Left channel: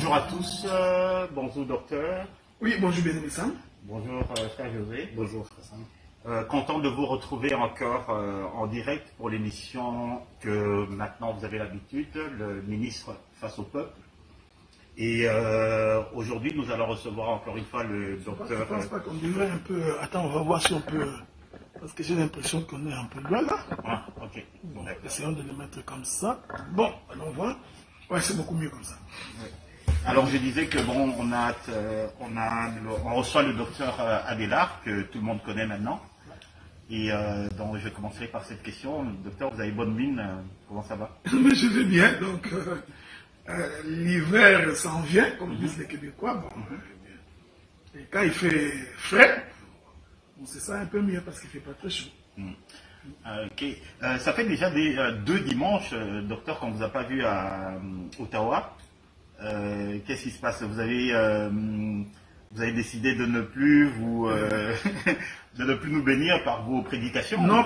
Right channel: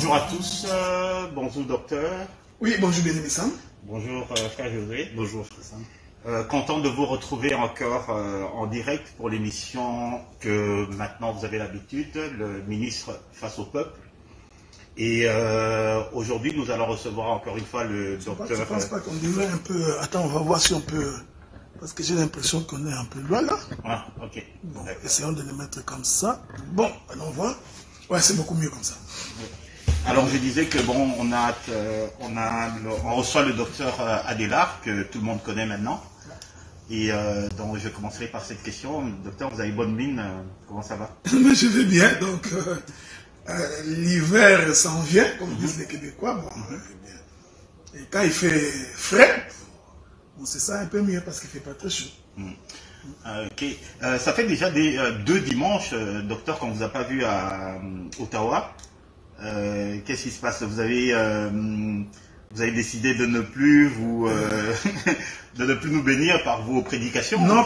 Bonjour à tous, bonjour docteur. Oui, bonjour bien-aimé Sam. Bonjour frère José. Bonjour frère Sam. Content de vous retrouver encore en direct pour l'émission que maintenant vous avez l'habitude, le ministre face au peuple. Et aujourd'hui nous allons recevoir encore une fois le docteur... Je pense pas qu'on devrait un peu... Attends, on va voir si on peut... Parce que j'ai l'impression qu'on est un peu loin là. Ah, ok. Bon, essayons de le mettre comme ça. Bon, allons voir. Ouais, c'est beaucoup mieux comme ça. Oui. Alors je disais que bon, on reçoit le docteur Adélard, que tout le monde connaît maintenant. Et donc je commencerai par cette question. Docteur, vous avez bonne mine, comment ça va? Mais je vais bien, donc l'hiver s'en vient, comme disent les Québécois. Bon, et quand il fait frais, on se sent un peu mieux parce qu'il ne fait pas très chaud. Ok. Ça fait déjà deux dimanches, docteur, qu'on ne vous a pas vu à Ottawa. Qu'est-ce qui se passe? Vous avez décidé de ne plus de ne plus nous bénir par vos prédications? Non,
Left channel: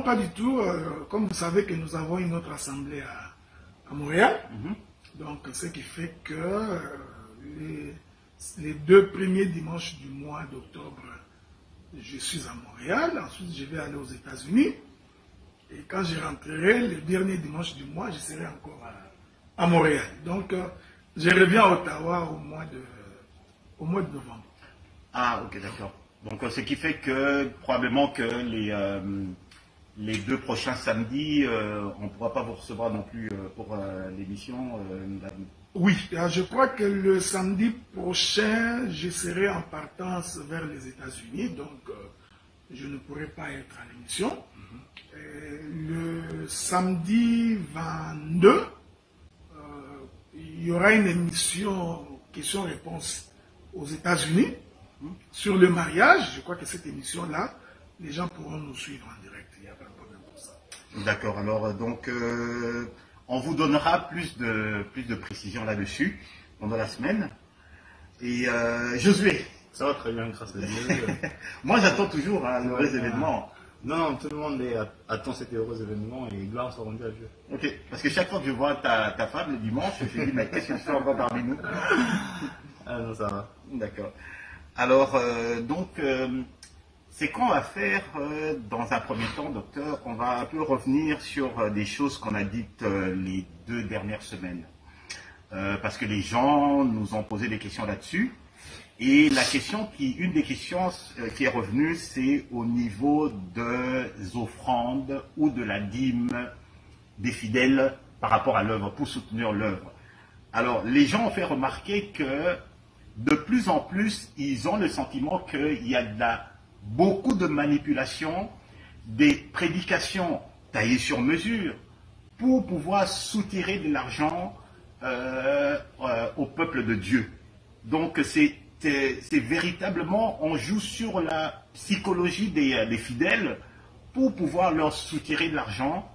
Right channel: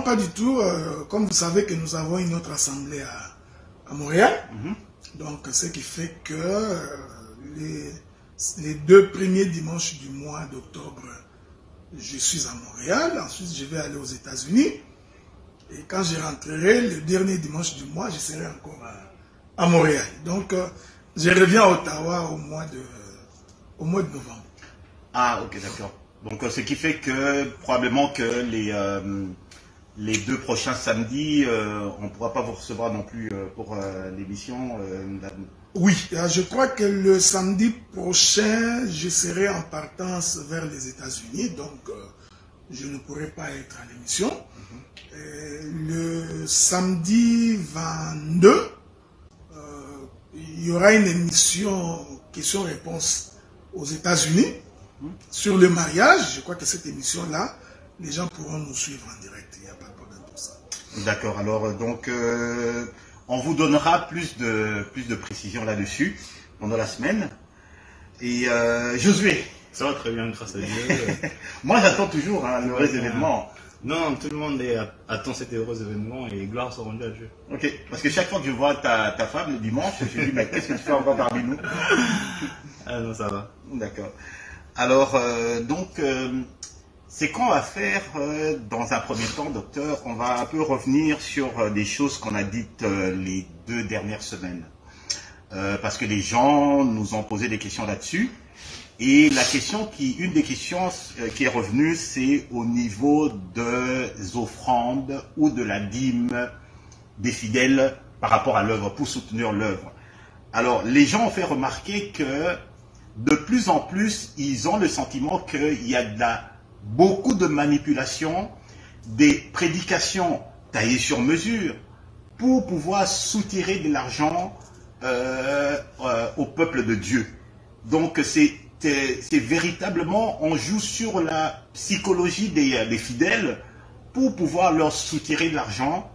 pas du tout. Comme vous savez que nous avons une autre assemblée à Montréal. Donc, ce qui fait que les deux premiers dimanches du mois d'octobre, je suis à Montréal. Ensuite, je vais aller aux États-Unis. Et quand je rentrerai, le dernier dimanche du mois, je serai encore à Montréal. Donc, je reviens à Ottawa au mois de novembre. Ah, ok, d'accord. Donc, ce qui fait que probablement que les deux prochains samedis, on ne pourra pas vous recevoir non plus pour l'émission. Oui, je crois que le samedi prochain, je serai en partance vers les États-Unis, donc je ne pourrai pas être à l'émission. Le samedi 22, il y aura une émission questions-réponses aux États-Unis sur le mariage. Je crois que cette émission-là, les gens pourront nous suivre en direct. Il n'y a pas de problème pour ça. D'accord. Alors, donc, on vous donnera plus de précisions là-dessus pendant la semaine. Et Josué. Ça va très bien, grâce à Dieu. Moi, j'attends toujours l'heureux événement. Non, tout le monde attend cet heureux événement et gloire soit rendue à Dieu. Ok, parce que chaque fois que je vois ta femme le dimanche, je me dis, mais qu'est-ce que tu fais encore parmi nous? Ah non, ça va. D'accord. Alors, donc, c'est qu'on va faire dans un premier temps, docteur. On va un peu revenir sur des choses qu'on a dites les 2 dernières semaines. Parce que les gens nous ont posé des questions là-dessus. Et une des questions qui est revenue, c'est au niveau des offrandes ou de la dîme des fidèles par rapport à l'œuvre, pour soutenir l'œuvre. Alors, les gens ont fait remarquer que de plus en plus, ils ont le sentiment qu'il y a beaucoup de manipulations, des prédications taillées sur mesure pour pouvoir soutirer de l'argent au peuple de Dieu. Donc, c'est véritablement, on joue sur la psychologie des fidèles pour pouvoir leur soutirer de l'argent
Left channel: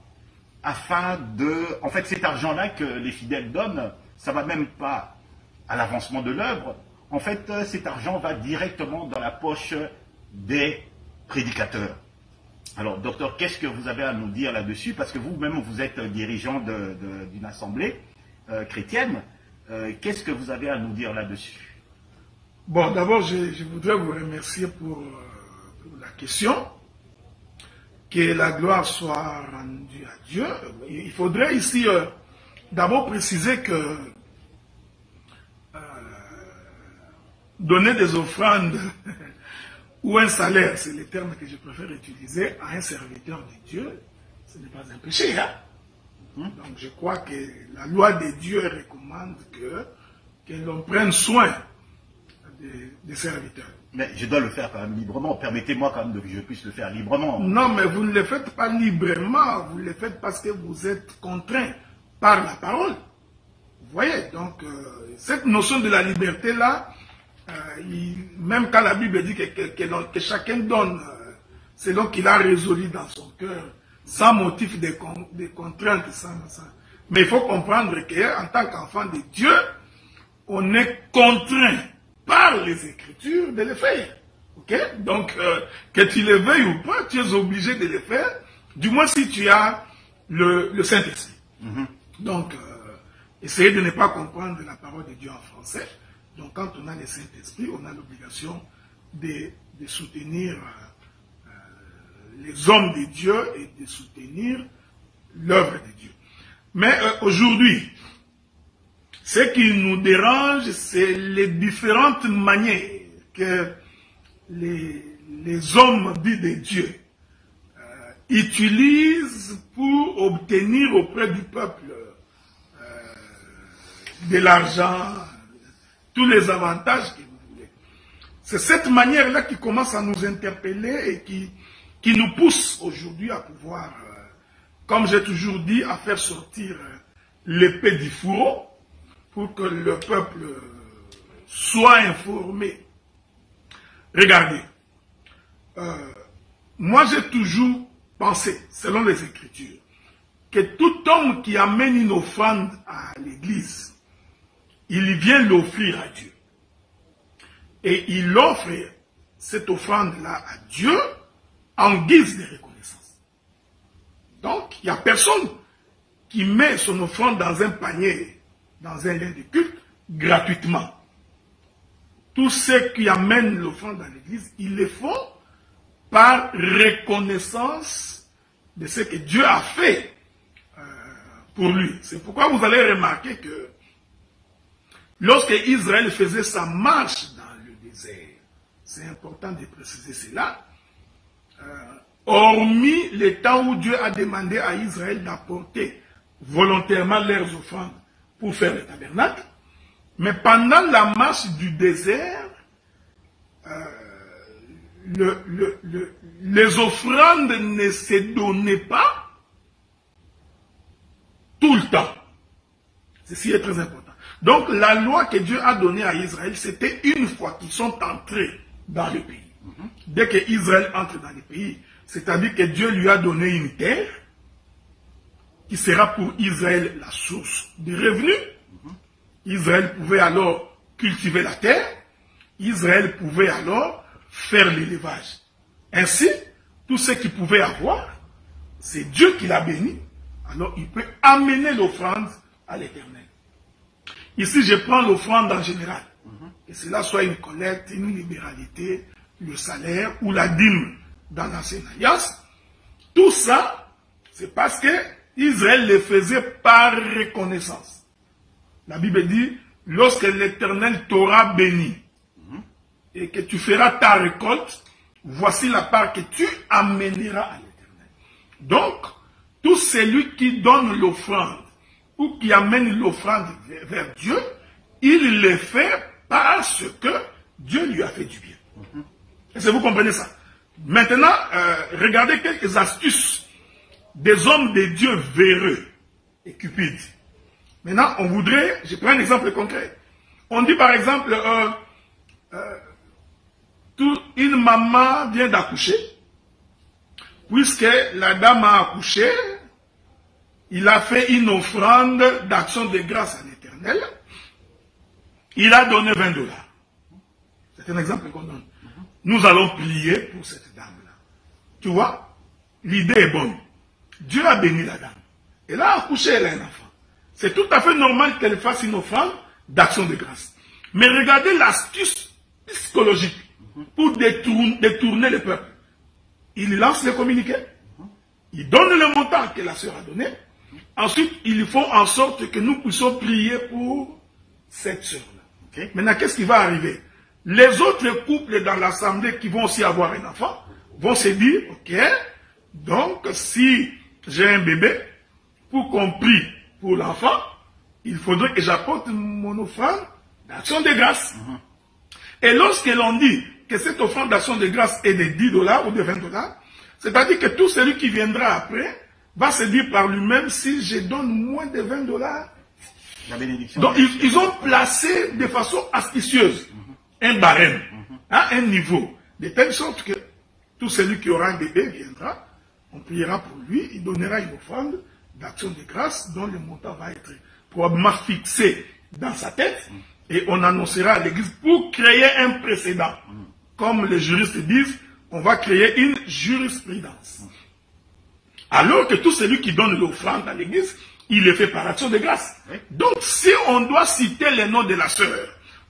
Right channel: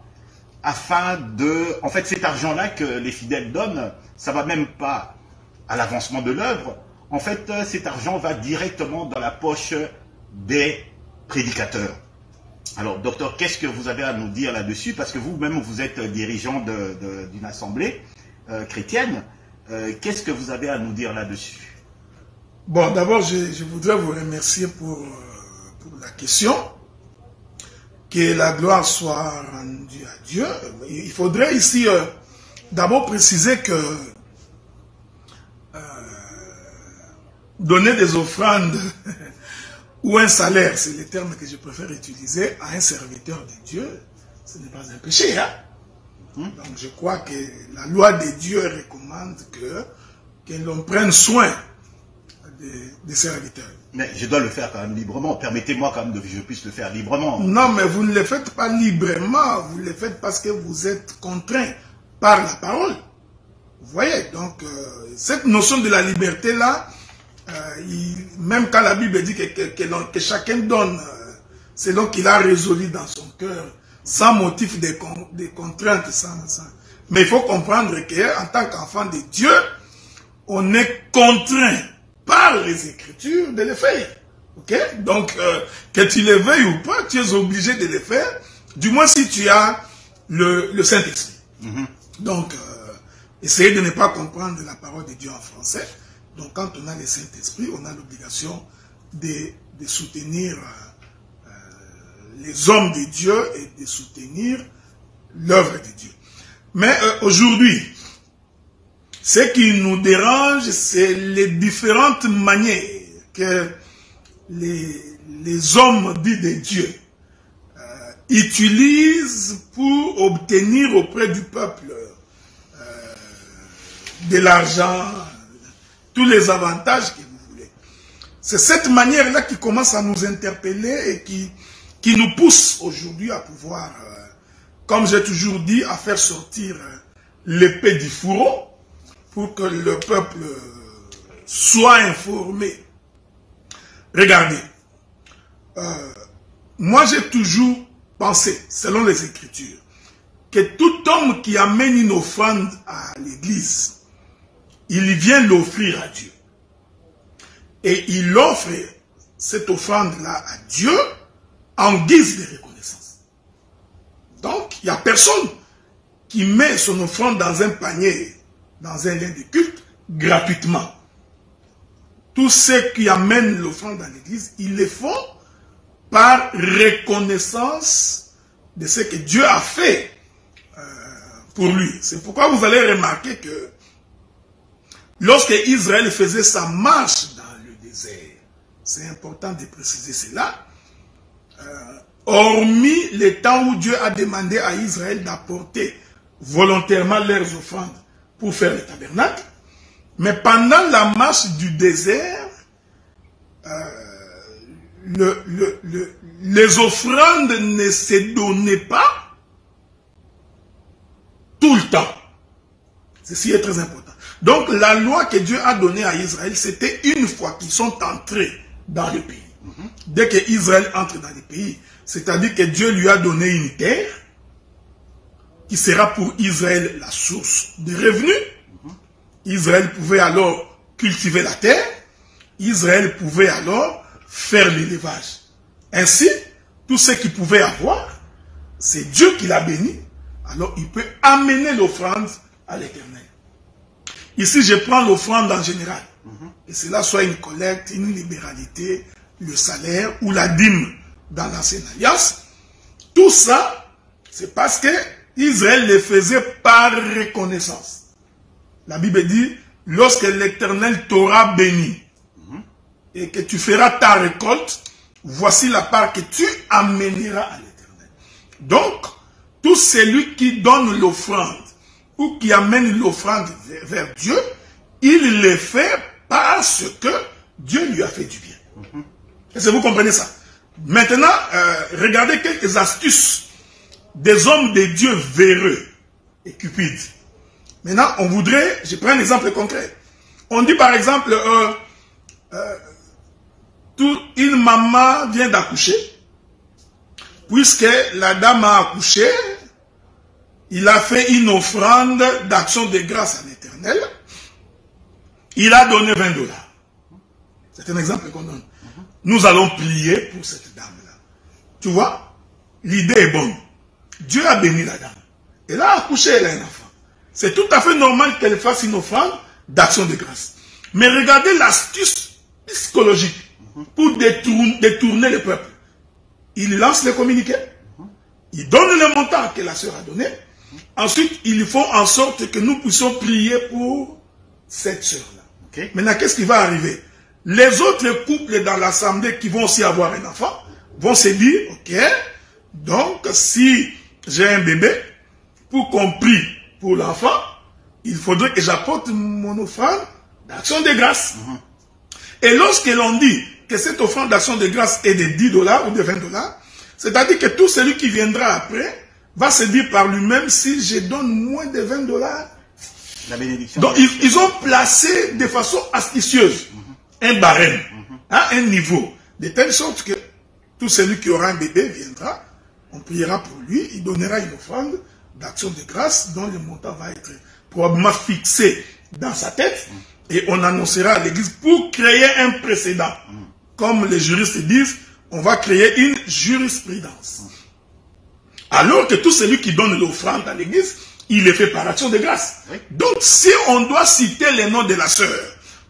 afin de... En fait, cet argent-là que les fidèles donnent, ça ne va même pas à l'avancement de l'œuvre. En fait, cet argent va directement dans la poche des prédicateurs. Alors, docteur, qu'est-ce que vous avez à nous dire là-dessus? Parce que vous-même, vous êtes dirigeant d'une assemblée chrétienne. Qu'est-ce que vous avez à nous dire là-dessus? Bon, d'abord, je voudrais vous remercier pour la question. Que la gloire soit rendue à Dieu. Il faudrait ici d'abord préciser que donner des offrandes ou un salaire, c'est le terme que je préfère utiliser, à un serviteur de Dieu, ce n'est pas un péché. Hein? Donc je crois que la loi de Dieu recommande que l'on prenne soin des serviteurs. Mais je dois le faire quand même librement. Permettez-moi quand même que je puisse le faire librement. Non, mais vous ne le faites pas librement. Vous le faites parce que vous êtes contraint par la parole. Vous voyez, donc cette notion de la liberté-là, même quand la Bible dit que chacun donne selon qu'il a résolu dans son cœur, sans motif de contraintes. Mais il faut comprendre qu'en tant qu'enfant de Dieu, on est contraint par les Écritures de le faire. Okay? Donc, que tu le veuilles ou pas, tu es obligé de le faire, du moins si tu as le Saint-Esprit. Donc, essayez de ne pas comprendre la parole de Dieu en français. Donc quand on a le Saint-Esprit, on a l'obligation de soutenir les hommes de Dieu et de soutenir l'œuvre de Dieu. Mais aujourd'hui, ce qui nous dérange, c'est les différentes manières que les hommes dits de Dieu utilisent pour obtenir auprès du peuple de l'argent, tous les avantages que vous voulez. C'est cette manière-là qui commence à nous interpeller et qui nous pousse aujourd'hui à pouvoir, comme j'ai toujours dit, à faire sortir l'épée du fourreau pour que le peuple soit informé. Regardez, moi j'ai toujours pensé, selon les Écritures, que tout homme qui amène une offrande à l'église, il vient l'offrir à Dieu. Et il offre cette offrande-là à Dieu en guise de reconnaissance. Donc, il n'y a personne qui met son offrande dans un panier, dans un lieu de culte, gratuitement. Tous ceux qui amènent l'offrande à l'église, ils le font par reconnaissance de ce que Dieu a fait pour lui. C'est pourquoi vous allez remarquer que lorsque Israël faisait sa marche dans le désert, c'est important de préciser cela, hormis le temps où Dieu a demandé à Israël d'apporter volontairement leurs offrandes pour faire le tabernacle, mais pendant la marche du désert, les offrandes ne se donnaient pas tout le temps. Ceci est très important. Donc la loi que Dieu a donnée à Israël, c'était une fois qu'ils sont entrés dans le pays. Dès que Israël entre dans le pays, c'est-à-dire que Dieu lui a donné une terre qui sera pour Israël la source de revenus. Israël pouvait alors cultiver la terre. Israël pouvait alors faire l'élevage. Ainsi, tout ce qu'il pouvait avoir, c'est Dieu qui l'a béni. Alors il peut amener l'offrande à l'Éternel. Ici, je prends l'offrande en général. Et cela soit une collecte, une libéralité, le salaire ou la dîme dans l'ancienne alliance. Tout ça, c'est parce que Israël le faisait par reconnaissance. La Bible dit, lorsque l'Éternel t'aura béni et que tu feras ta récolte, voici la part que tu amèneras à l'Éternel. Donc, tout celui qui donne l'offrande ou qui amène l'offrande vers Dieu, il le fait parce que Dieu lui a fait du bien. Est-ce que vous comprenez ça? Maintenant, regardez quelques astuces des hommes de Dieu véreux et cupides. Maintenant, on voudrait, je prends un exemple concret. On dit par exemple, une maman vient d'accoucher, puisque la dame a accouché, il a fait une offrande d'action de grâce à l'Éternel, il a donné 20 $. C'est un exemple qu'on donne. Nous allons prier pour cette dame-là. Tu vois, l'idée est bonne. Dieu a béni la dame. Elle a accouché, elle a un enfant. C'est tout à fait normal qu'elle fasse une offrande d'action de grâce. Mais regardez l'astuce psychologique pour détourner le peuple. Il lance le communiqué, il donne le montant que la sœur a donné. Ensuite, ils font en sorte que nous puissions prier pour cette sœur-là. Okay. Maintenant, qu'est-ce qui va arriver? Les autres couples dans l'assemblée qui vont aussi avoir un enfant vont se dire, ok, donc si j'ai un bébé, pour qu'on prie pour l'enfant, il faudrait que j'apporte mon offrande d'action de grâce. Et lorsque l'on dit que cette offrande d'action de grâce est de 10 $ ou de 20 $, c'est-à-dire que tout celui qui viendra après va se dire par lui-même, si je donne moins de 20 $, la bénédiction. donc ils ont placé de façon astucieuse un barème, un niveau, de telle sorte que tout celui qui aura un bébé viendra, on priera pour lui, il donnera une offrande d'action de grâce dont le montant va être probablement fixé dans sa tête et on annoncera à l'église pour créer un précédent. Comme les juristes disent, on va créer une jurisprudence. Alors que tout celui qui donne l'offrande à l'église il est fait par action de grâce. Oui. Donc, si on doit citer les noms de la sœur,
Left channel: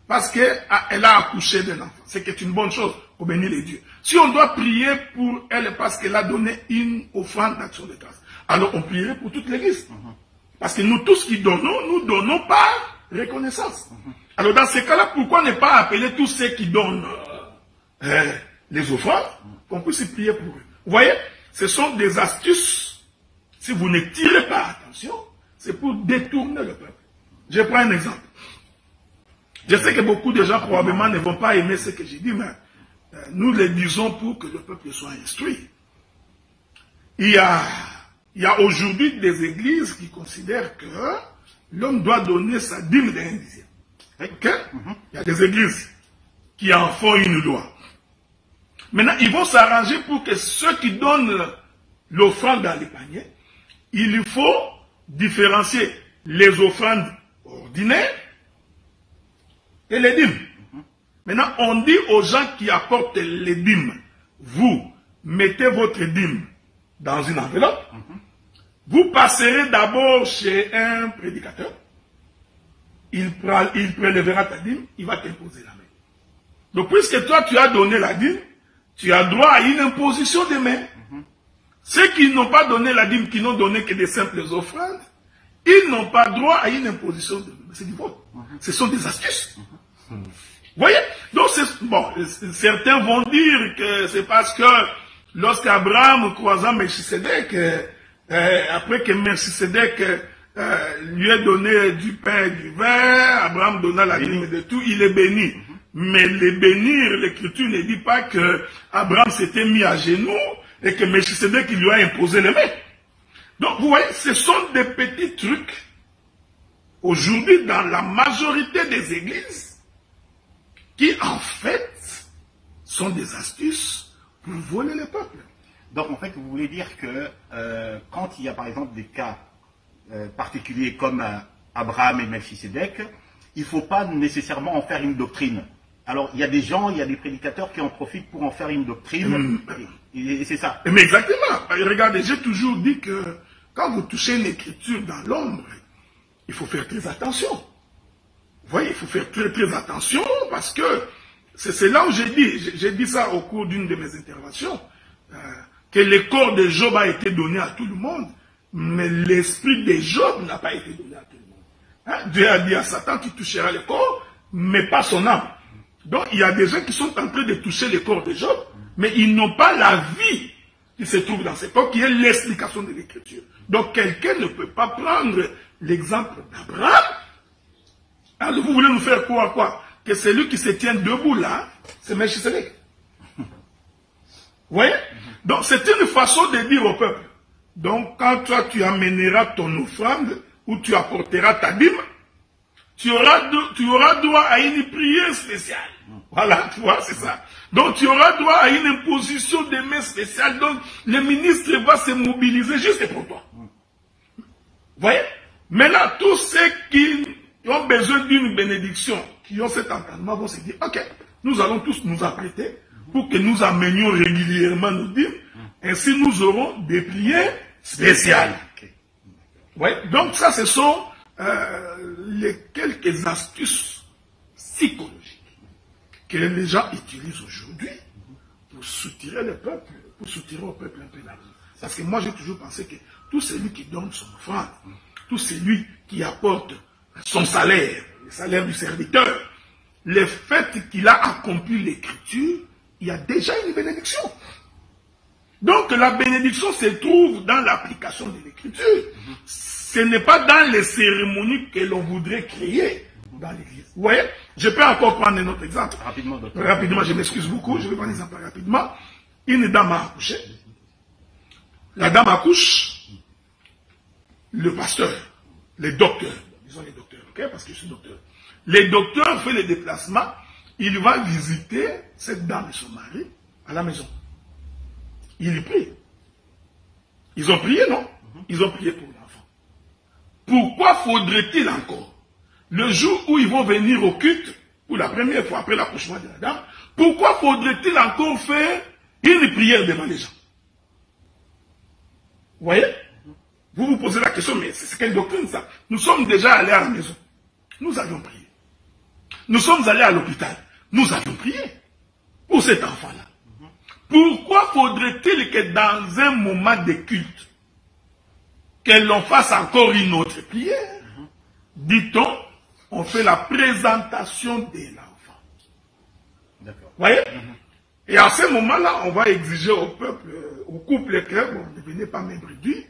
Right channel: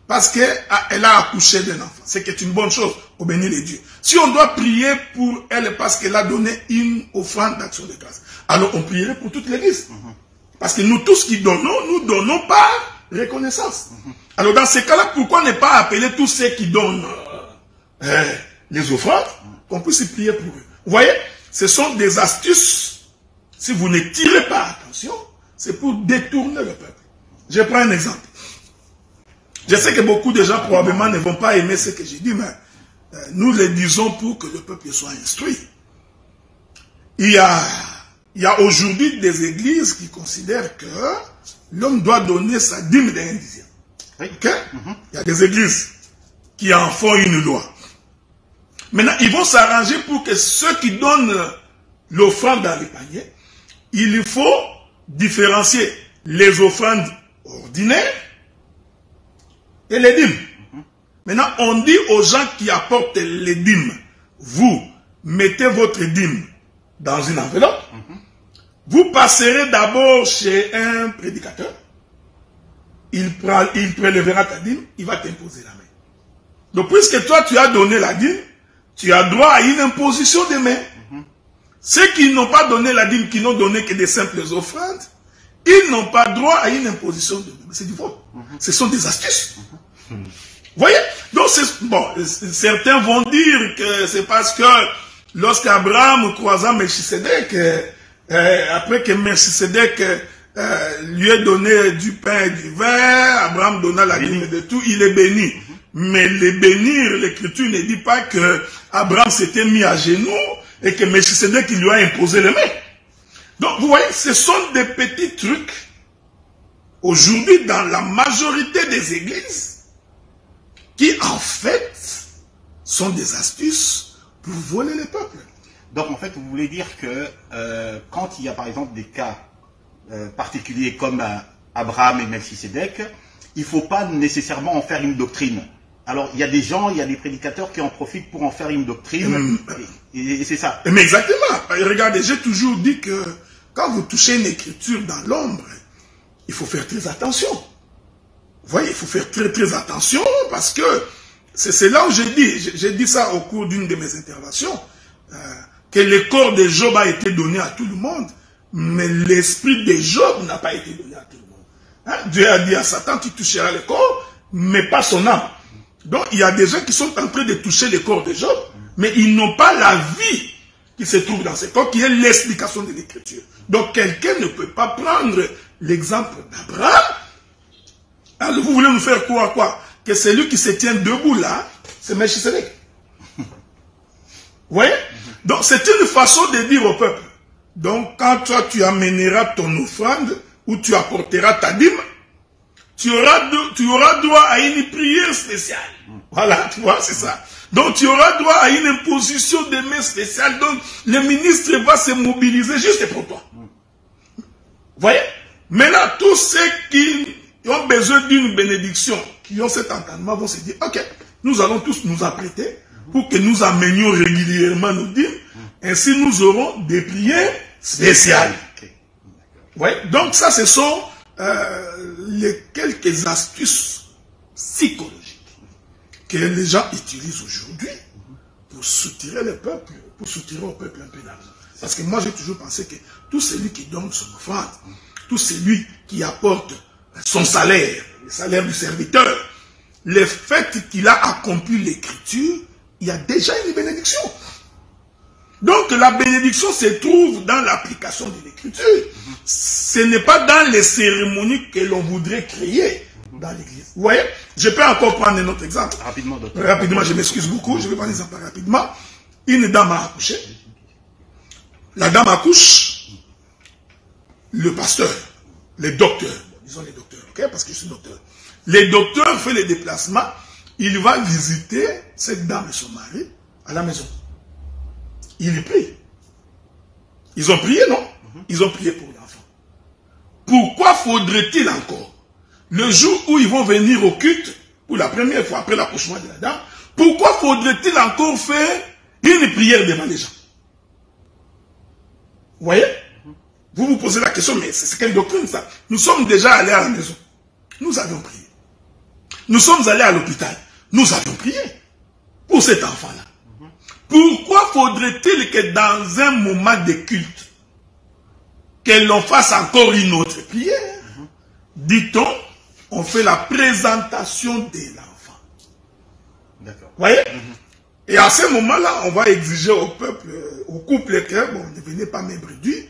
parce qu'elle a accouché d'un enfant, c'est que c'est une bonne chose, au béni les dieux. Si on doit prier pour elle parce qu'elle a donné une offrande d'action de grâce, alors on prierait pour toute l'église. Parce que nous tous qui donnons, nous donnons par reconnaissance. Alors dans ces cas-là, pourquoi ne pas appeler tous ceux qui donnent les offrandes, qu'on puisse prier pour eux? Vous voyez, ce sont des astuces. Si vous ne tirez pas attention, c'est pour détourner le peuple. Je prends un exemple. Je sais que beaucoup de gens probablement ne vont pas aimer ce que j'ai dit, mais nous le disons pour que le peuple soit instruit. Il y a aujourd'hui des églises qui considèrent que l'homme doit donner sa dîme d'un dixième. Okay? Il y a des églises qui en font une loi. Maintenant, ils vont s'arranger pour que ceux qui donnent l'offrande dans les paniers, il faut différencier les offrandes ordinaires et les dîmes. Maintenant, on dit aux gens qui apportent les dîmes, vous mettez votre dîme dans une enveloppe, vous passerez d'abord chez un prédicateur, il prélèvera ta dîme, il va t'imposer la main. Donc, puisque toi, tu as donné la dîme, tu as droit à une imposition de main. Ceux qui n'ont pas donné la dîme, qui n'ont donné que des simples offrandes, ils n'ont pas droit à une imposition de main. C'est du vol. Ce sont des astuces. Vous voyez? Donc, bon, certains vont dire que c'est parce que lorsqu'Abraham croisa Melchisedec, après que Melchisedec lui ait donné du pain et du vin, Abraham donna la dîme de tout, il est béni. Mais les bénir, l'Écriture ne dit pas que Abraham s'était mis à genoux et que Melchisedec lui a imposé les mains. Donc, vous voyez, ce sont des petits trucs, aujourd'hui, dans la majorité des églises, qui, en fait, sont des astuces pour voler le peuple. Donc, en fait, vous voulez dire que quand il y a, par exemple, des cas particuliers comme Abraham et Melchisedec, il ne faut pas nécessairement en faire une doctrine. Alors, il y a des gens, il y a des prédicateurs qui en profitent pour en faire une doctrine, et c'est ça. Mais exactement. Regardez, j'ai toujours dit que quand vous touchez une écriture dans l'ombre, il faut faire très attention. Vous voyez, il faut faire très très attention parce que c'est là où j'ai dit ça au cours d'une de mes interventions, que le corps de Job a été donné à tout le monde, mais l'esprit de Job n'a pas été donné à tout le monde. Hein? Dieu a dit à Satan qu'il touchera le corps, mais pas son âme. Donc il y a des gens qui sont en train de toucher le corps de Job, mais ils n'ont pas la vie qui se trouve dans ce corps, qui est l'explication de l'écriture. Donc quelqu'un ne peut pas prendre l'exemple d'Abraham. Alors vous voulez nous faire croire quoi? Que celui qui se tient debout là, c'est Melchisedec. Vous voyez? Donc c'est une façon de dire au peuple. Donc quand toi tu amèneras ton offrande, ou tu apporteras ta dîme, tu auras droit à une prière spéciale. Voilà, tu vois, c'est ça. Donc tu auras droit à une imposition de main spéciale. Donc le ministre va se mobiliser juste pour toi. Vous voyez? Maintenant, tous ceux qui ont besoin d'une bénédiction, qui ont cet entendement, vont se dire, ok, nous allons tous nous apprêter pour que nous amenions régulièrement nos dîmes. Ainsi, nous aurons des prières spéciales. Ouais. Donc ça, ce sont les quelques astuces psychologiques que les gens utilisent aujourd'hui pour soutirer le peuple, pour soutirer au peuple un peu d'argent. Parce que moi, j'ai toujours pensé que tout celui qui donne son offrande, tout celui qui apporte son salaire, le salaire du serviteur, le fait qu'il a accompli l'écriture, il y a déjà une bénédiction. Donc la bénédiction se trouve dans l'application de l'écriture. Ce n'est pas dans les cérémonies que l'on voudrait créer dans l'église. Vous voyez? Je peux encore prendre un autre exemple. Rapidement, docteur. Rapidement, je m'excuse beaucoup. Je vais prendre un exemple rapidement. Une dame a accouché. La dame accouche. Le pasteur, les docteurs, disons les docteurs, ok? Parce que je suis docteur. Les docteurs font les déplacements. Il va visiter cette dame et son mari à la maison. Il prie. Ils ont prié, non? Ils ont prié pour l'enfant. Pourquoi faudrait-il encore, le jour où ils vont venir au culte, pour la première fois après l'accouchement de la dame, pourquoi faudrait-il encore faire une prière devant les gens? Vous voyez? Vous vous posez la question, mais c'est quelle doctrine ça? Nous sommes déjà allés à la maison. Nous avions prié. Nous sommes allés à l'hôpital. Nous avions prié pour cet enfant-là. Pourquoi faudrait-il que dans un moment de culte, que l'on fasse encore une autre prière? Dit-on, on fait la présentation de l'enfant. D'accord. Vous voyez? Et à ce moment-là, on va exiger au peuple, au couple que, bon, ne venez pas me réduire.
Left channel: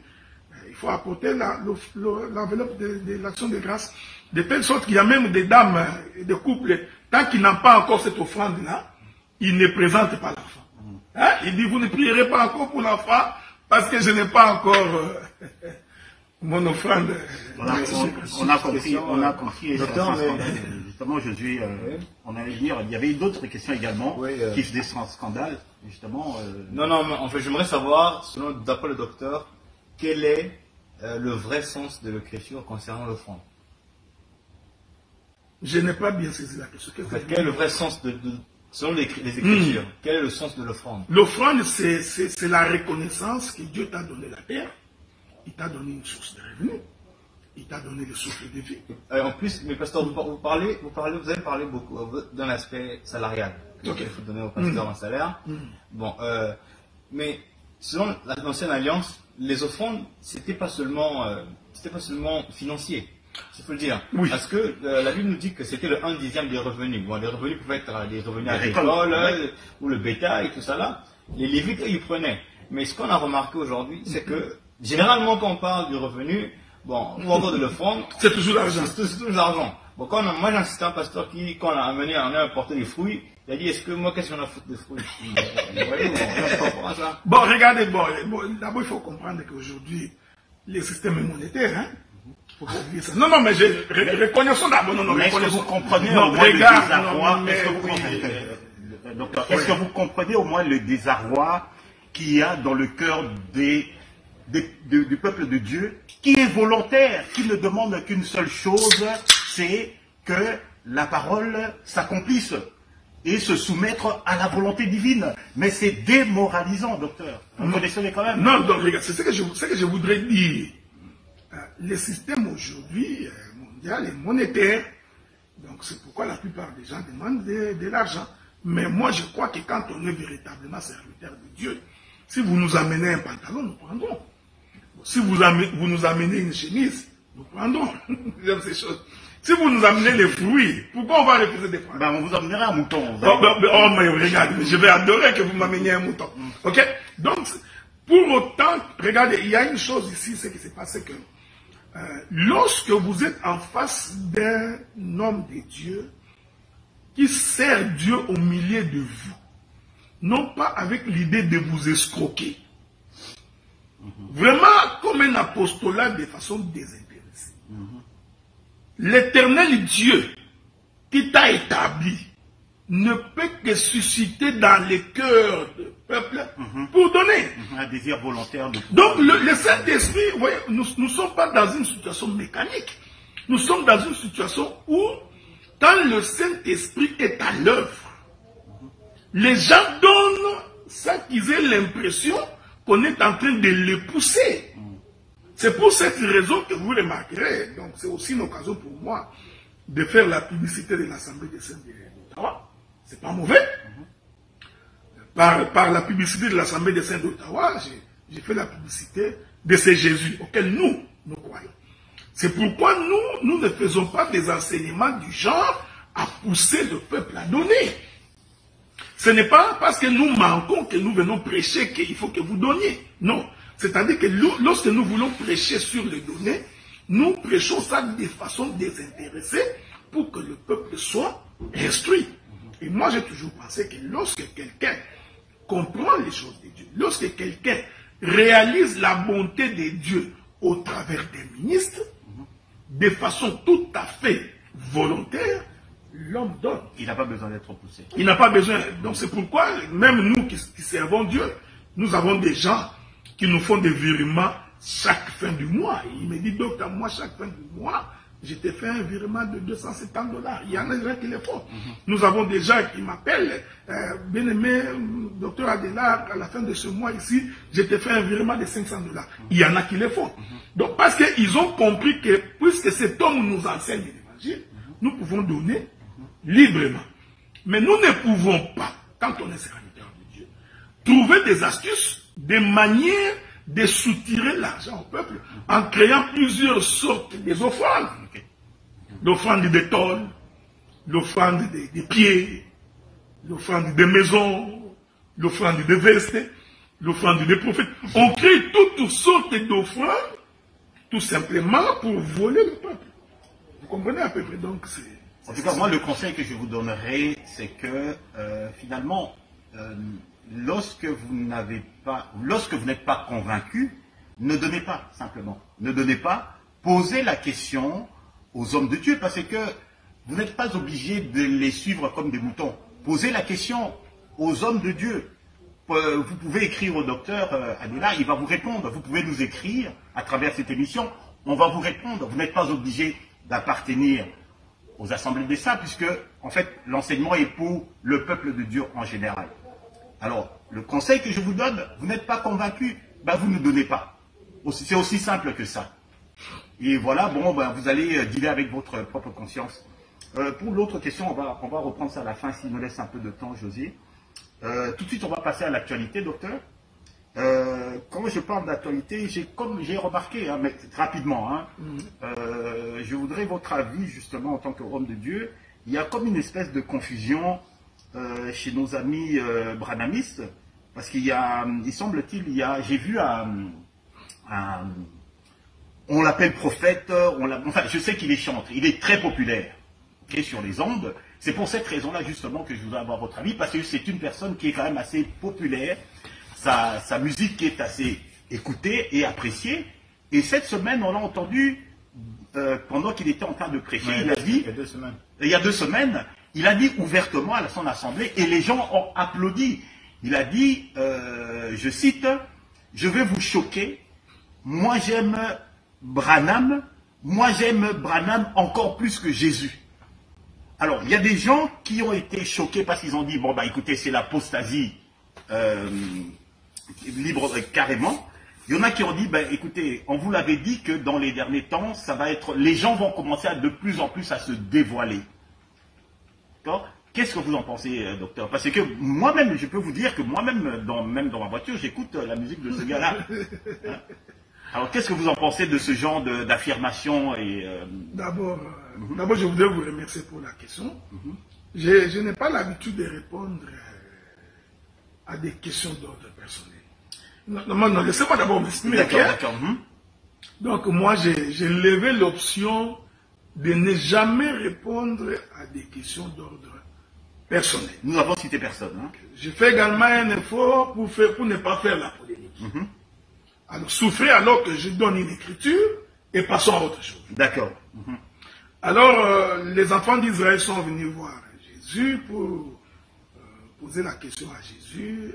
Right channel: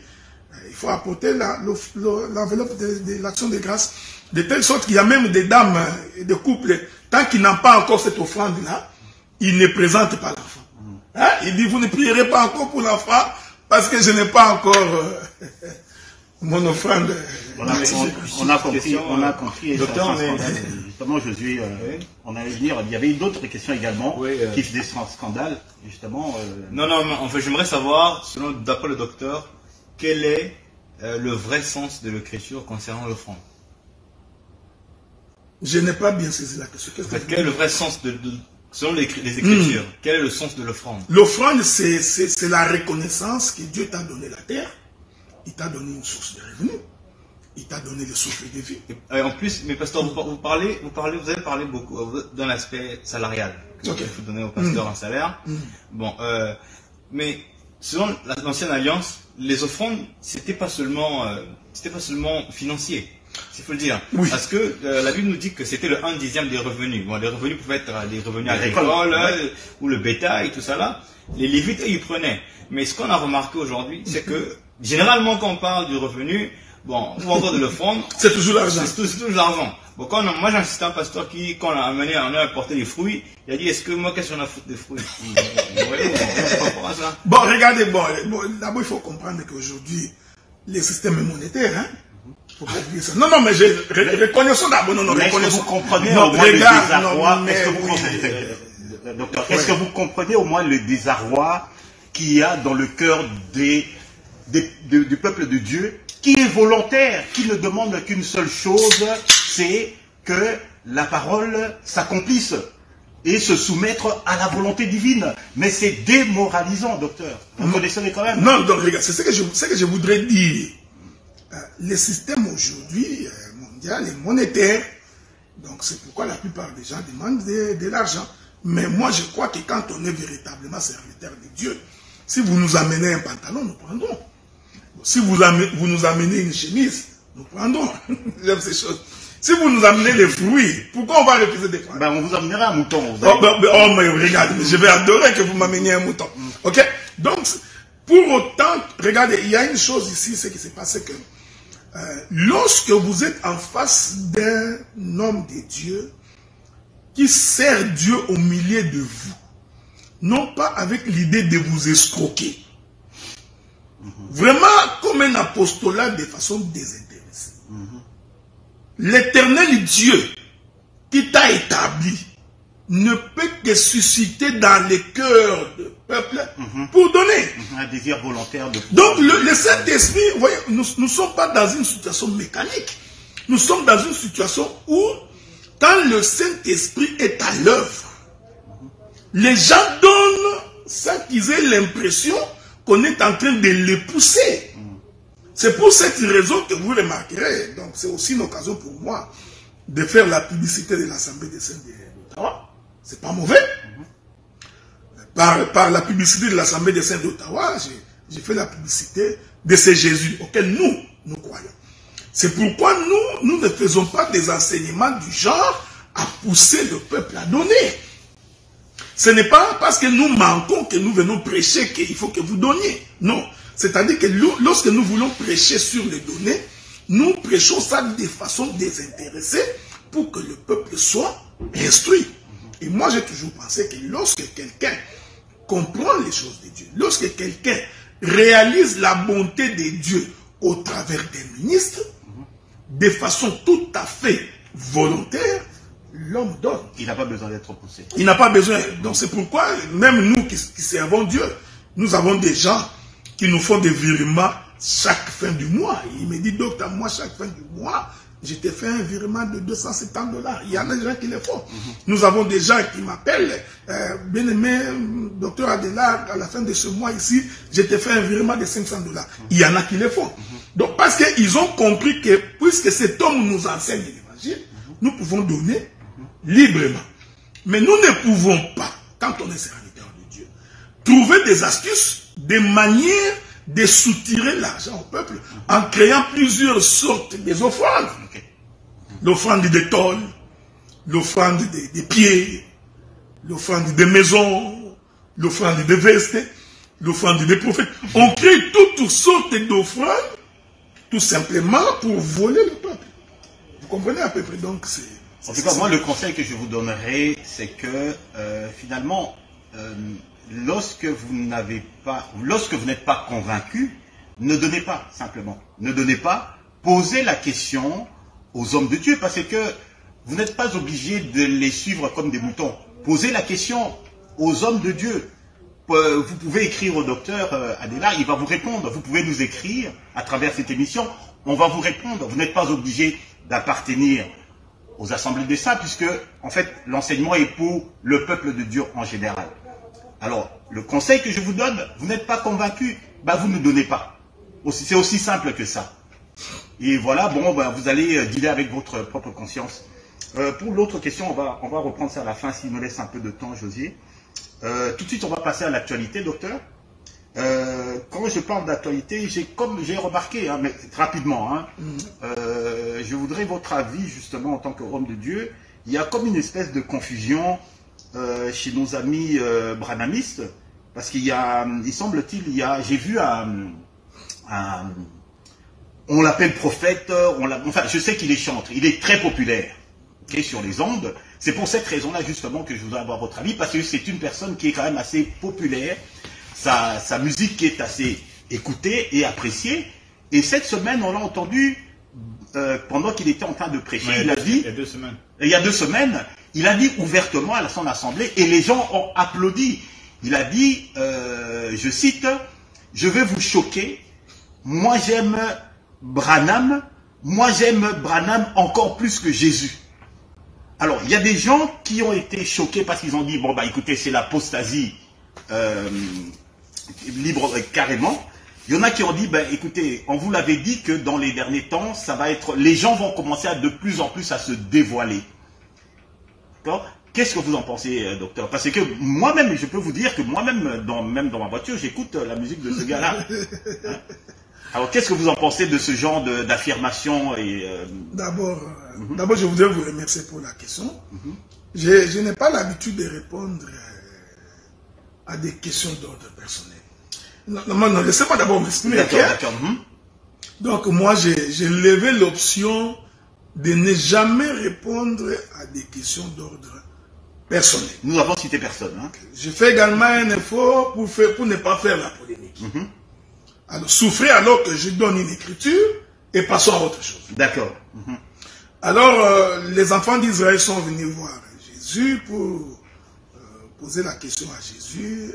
Il faut apporter l'enveloppe de l'action de grâce, de telle sorte qu'il y a même des dames et des couples, tant qu'ils n'ont pas encore cette offrande-là, ils ne présentent pas l'enfant. Hein? Il dit, vous ne prierez pas encore pour l'enfant, parce que je n'ai pas encore mon offrande. On a compris. Et Docteur, justement, Josué, on allait dire, il y avait d'autres questions également qui faisaient scandale, justement. Non, en fait, j'aimerais savoir, d'après le docteur, quel est le vrai sens de l'écriture concernant l'offrande? Je n'ai pas bien saisi la question. Quel est le vrai sens selon les Écritures, quel est le sens de l'offrande? L'offrande, c'est la reconnaissance que Dieu t'a donné la terre. Il t'a donné une source de revenus. Il t'a donné le souffle de vie. En plus, mais pasteur, vous avez parlé beaucoup d'un aspect salarial. Okay. Il faut donner au pasteur un salaire. Bon, mais selon l'ancienne alliance, les offrandes, c'était pas seulement financier. Il faut le dire. Oui. Parce que la Bible nous dit que c'était le 1/10 des revenus. Bon, les revenus pouvaient être des revenus agricoles, ou le bétail, tout ça là. Les Lévites, eux, ils prenaient. Mais ce qu'on a remarqué aujourd'hui, c'est que généralement, quand on parle du revenu, bon, ou encore de l'offrande, c'est toujours l'argent. C'est toujours l'argent. Bon, moi, j'ai assisté à un pasteur qui, quand on a amené, on a apporté les fruits, il a dit, est-ce que moi, qu'est-ce qu'on a foutu des fruits? Bon, regardez, d'abord, il faut comprendre qu'aujourd'hui, les systèmes monétaires, hein, faut pas oublier ça. Non, mais reconnaissons d'abord, Est-ce que vous comprenez au moins le désarroi? Docteur, est-ce que vous comprenez au moins le désarroi qu'il y a dans le cœur du peuple de Dieu, qui est volontaire, qui ne demande qu'une seule chose, c'est que la parole s'accomplisse et se soumettre à la volonté divine. Mais c'est démoralisant, docteur. Vous connaissez quand même. Non, donc regarde, c'est ce que je voudrais dire. Le système aujourd'hui mondial est monétaire. Donc c'est pourquoi la plupart des gens demandent de l'argent. Mais moi je crois que quand on est véritablement serviteur de Dieu, si vous nous amenez un pantalon, nous prendrons. Si vous nous amenez une chemise, nous prendrons. J'aime ces choses. Si vous nous amenez les fruits, pourquoi on va refuser des fruits? On vous amènera un mouton. Mais regarde, je vais adorer que vous m'ameniez un mouton. Ok? Donc, pour autant, regardez, il y a une chose ici, ce qui s'est passé que lorsque vous êtes en face d'un homme de Dieu qui sert Dieu au milieu de vous, non pas avec l'idée de vous escroquer, vraiment comme un apostolat de façon désintéressée. L'éternel Dieu qui t'a établi ne peut te susciter dans le cœur du peuple pour donner. Un désir volontaire de... Donc le Saint-Esprit, vous voyez, nous ne sommes pas dans une situation mécanique. Nous sommes dans une situation où, quand le Saint-Esprit est à l'œuvre, les gens donnent sans qu'ils aient l'impression qu'on est en train de les pousser. C'est pour cette raison que vous remarquerez, donc c'est aussi une occasion pour moi de faire la publicité de l'Assemblée des Saints d'Ottawa. C'est pas mauvais. Par la publicité de l'Assemblée des Saints d'Ottawa, j'ai fait la publicité de ce Jésus auquel nous croyons. C'est pourquoi nous ne faisons pas des enseignements du genre à pousser le peuple à donner. Ce n'est pas parce que nous manquons que nous venons prêcher qu'il faut que vous donniez. Non. C'est-à-dire que lorsque nous voulons prêcher sur les données, nous prêchons ça de façon désintéressée pour que le peuple soit instruit. Et moi, j'ai toujours pensé que lorsque quelqu'un comprend les choses de Dieu, lorsque quelqu'un réalise la bonté de Dieu au travers des ministres, de façon tout à fait volontaire, l'homme donne. Il n'a pas besoin d'être poussé. Il n'a pas besoin. Donc c'est pourquoi, même nous qui servons Dieu, nous avons des gens qui nous font des virements chaque fin du mois. Et il me dit, docteur, moi, chaque fin du mois, je te fais un virement de 270 $. Il y en a des gens qui le font. Nous avons des gens qui m'appellent, bien-aimé, docteur Adela, à la fin de ce mois ici, je te fais un virement de 500 $. Il y en a qui le font. Donc, parce qu'ils ont compris que, puisque cet homme nous enseigne l'évangile, nous pouvons donner librement. Mais nous ne pouvons pas, quand on est serviteur de Dieu, trouver des astuces, des manières de soutirer l'argent au peuple en créant plusieurs sortes d'offrandes. L'offrande des tôles, l'offrande des pieds, l'offrande des maisons, l'offrande des vestes, l'offrande des prophètes. On crée toutes sortes d'offrandes tout simplement pour voler le peuple. Vous comprenez à peu près, donc c'est... En tout cas, moi, le conseil que je vous donnerai, c'est que finalement, lorsque vous n'êtes pas convaincu, ne donnez pas, simplement. Ne donnez pas, posez la question aux hommes de Dieu, parce que vous n'êtes pas obligé de les suivre comme des moutons. Posez la question aux hommes de Dieu. Vous pouvez écrire au docteur Adela, il va vous répondre. Vous pouvez nous écrire à travers cette émission, on va vous répondre. Vous n'êtes pas obligé d'appartenir aux assemblées des saints, puisque en fait l'enseignement est pour le peuple de Dieu en général. Alors, le conseil que je vous donne, vous n'êtes pas convaincu, ben vous ne donnez pas. C'est aussi simple que ça. Et voilà, bon, ben, vous allez dealer avec votre propre conscience. Pour l'autre question, on va reprendre ça à la fin, s'il nous laisse un peu de temps, Josier. Tout de suite, on va passer à l'actualité, docteur. Quand je parle d'actualité, j'ai remarqué, hein, mais rapidement, hein, je voudrais votre avis justement en tant qu'homme de Dieu. Il y a comme une espèce de confusion chez nos amis branhamistes, parce qu'il y a, il semble-t-il, j'ai vu on l'appelle prophète, enfin je sais qu'il est chanteur, il est très populaire, okay, sur les ondes. C'est pour cette raison-là justement que je voudrais avoir votre avis, parce que c'est une personne qui est quand même assez populaire, sa musique qui est assez écoutée et appréciée. Et cette semaine, on l'a entendu pendant qu'il était en train de prêcher, il a dit, il y a 2 semaines, il a dit ouvertement à son assemblée, et les gens ont applaudi. Il a dit, je cite, « Je vais vous choquer, moi j'aime Branham encore plus que Jésus. » Alors, il y a des gens qui ont été choqués parce qu'ils ont dit, bon bah écoutez, c'est l'apostasie libre carrément. Il y en a qui ont dit, ben écoutez, on vous l'avait dit que dans les derniers temps, ça va être, les gens vont commencer de plus en plus à se dévoiler. D'accord ? Qu'est-ce que vous en pensez, docteur? Parce que moi-même, je peux vous dire que moi-même, même dans ma voiture, j'écoute la musique de ce gars-là. Hein? Alors, qu'est-ce que vous en pensez de ce genre d'affirmation et D'abord, je voudrais vous remercier pour la question. Je n'ai pas l'habitude de répondre à des questions d'ordre personnel. Non, laissez-moi d'abord m'exprimer. D'accord. Donc, moi, j'ai levé l'option de ne jamais répondre à des questions d'ordre personnel. Nous avons cité personne. Hein? Je fais également un effort pour ne pas faire la polémique. Alors, souffrez alors que je donne une écriture et passons à autre chose. D'accord. Alors, les enfants d'Israël sont venus voir Jésus pour poser la question à Jésus.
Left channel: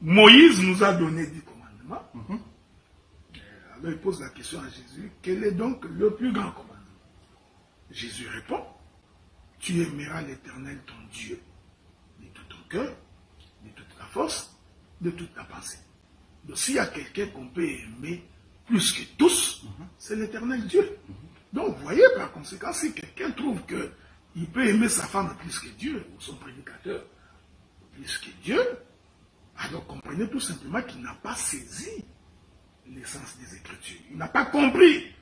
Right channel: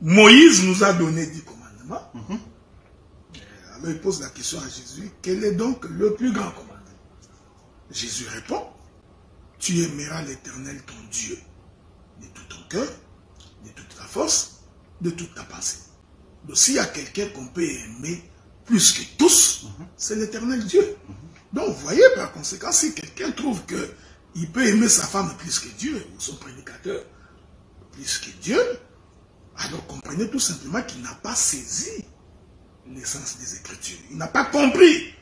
Moïse nous a donné 10 commandements. Alors, il pose la question à Jésus. Quel est donc le plus grand commandement? Jésus répond. Tu aimeras l'Éternel ton Dieu de tout ton cœur, de toute ta force, de toute ta pensée. Donc s'il y a quelqu'un qu'on peut aimer plus que tous, c'est l'Éternel Dieu. Donc vous voyez par conséquent, si quelqu'un trouve qu'il peut aimer sa femme plus que Dieu, ou son prédicateur plus que Dieu, alors comprenez tout simplement qu'il n'a pas saisi l'essence des Écritures. Il n'a pas compris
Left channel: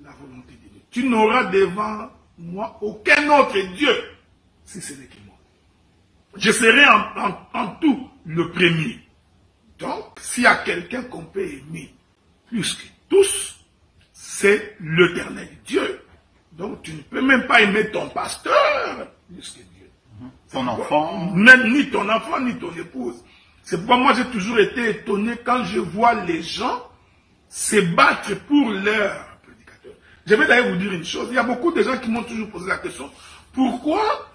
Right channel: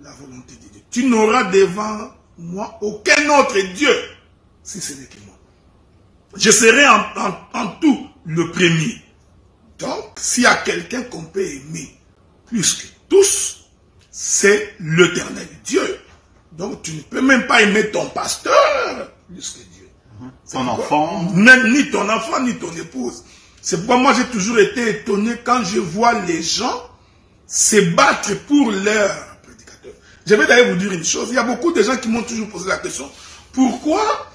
la volonté de Dieu. Tu n'auras devant moi aucun autre Dieu, si ce n'est que moi. Je serai en tout le premier. Donc, s'il y a quelqu'un qu'on peut aimer plus que tous, c'est l'Éternel Dieu. Donc, tu ne peux même pas aimer ton pasteur plus que Dieu. Ton enfant. Même ni ton enfant, ni ton épouse. C'est pourquoi moi, j'ai toujours été étonné quand je vois les gens se battre pour leur prédicateur. Je vais d'ailleurs vous dire une chose. Il y a beaucoup de gens qui m'ont toujours posé la question. Pourquoi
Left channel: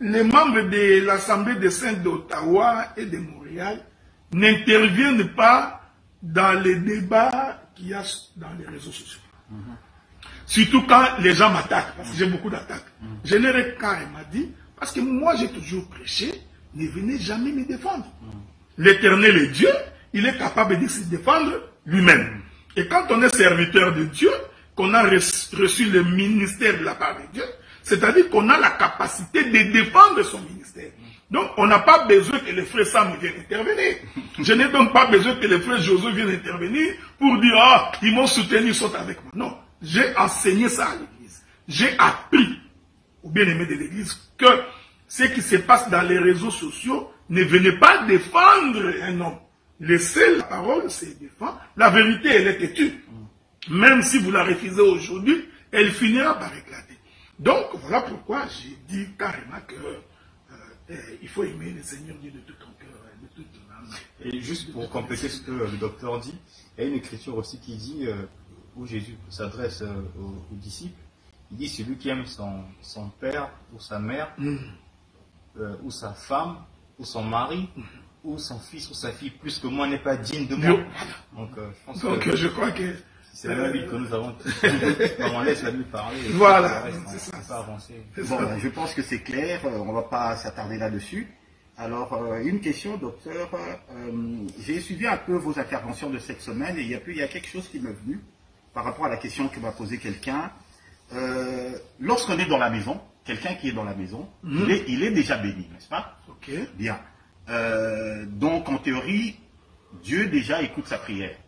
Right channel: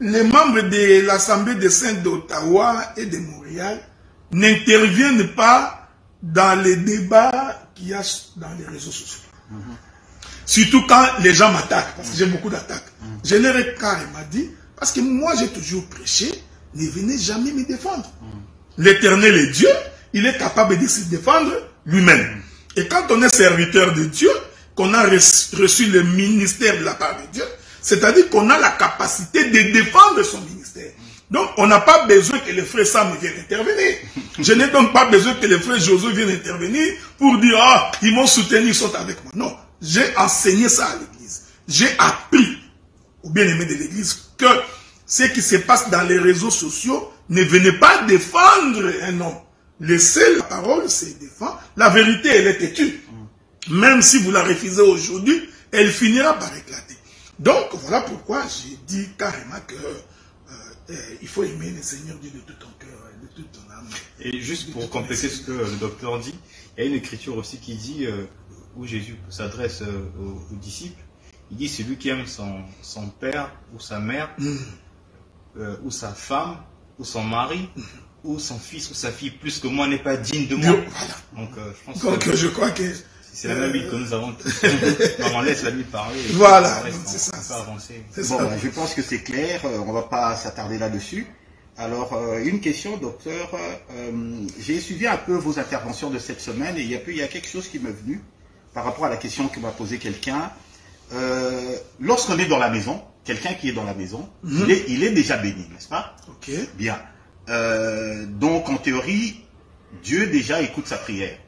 les membres de l'Assemblée des Saints d'Ottawa et de Montréal n'interviennent pas dans les débats qu'il y a dans les réseaux sociaux? Surtout quand les gens m'attaquent, parce que j'ai beaucoup d'attaques. Je leur ai carrément dit, parce que moi j'ai toujours prêché, ne venez jamais me défendre. L'Éternel est Dieu, il est capable de se défendre lui-même. Et quand on est serviteur de Dieu, qu'on a reçu le ministère de la part de Dieu, c'est-à-dire qu'on a la capacité de défendre son ministère. Donc, on n'a pas besoin que le frère Sam vienne intervenir. Je n'ai donc pas besoin que le frère Josué vienne intervenir pour dire, ah, ils m'ont soutenu, ils sont avec moi. Non, j'ai enseigné ça à l'église. J'ai appris aux bien-aimés de l'église que ce qui se passe dans les réseaux sociaux, ne venez pas défendre un homme. Laissez la parole se défendre. La vérité, elle est têtue. Même si vous la refusez aujourd'hui, elle finira par éclater. Donc, voilà pourquoi j'ai dit carrément que il faut aimer le Seigneur Dieu de tout ton cœur, de toute ton âme. Et juste pour compléter ce que le docteur dit, il y a une écriture aussi qui dit, où Jésus s'adresse aux disciples, il dit, celui qui aime son père ou sa mère, ou sa femme, ou son mari, ou son fils ou sa fille, plus que moi, n'est pas digne de moi. Voilà. Donc, je pense que je crois que c'est la même Bible que nous avons. On laisse la Bible parler. Voilà, c'est ça. On peut avancer. Bon, je pense que c'est clair, on ne va pas s'attarder là-dessus. Alors, une question, docteur. J'ai suivi un peu vos interventions de cette semaine et il y a quelque chose qui m'est venu par rapport à la question que m'a posée quelqu'un. Lorsqu'on est dans la maison, quelqu'un qui est dans la maison, il est déjà béni, n'est-ce pas? Ok. Bien. Donc, en théorie, Dieu déjà écoute sa prière.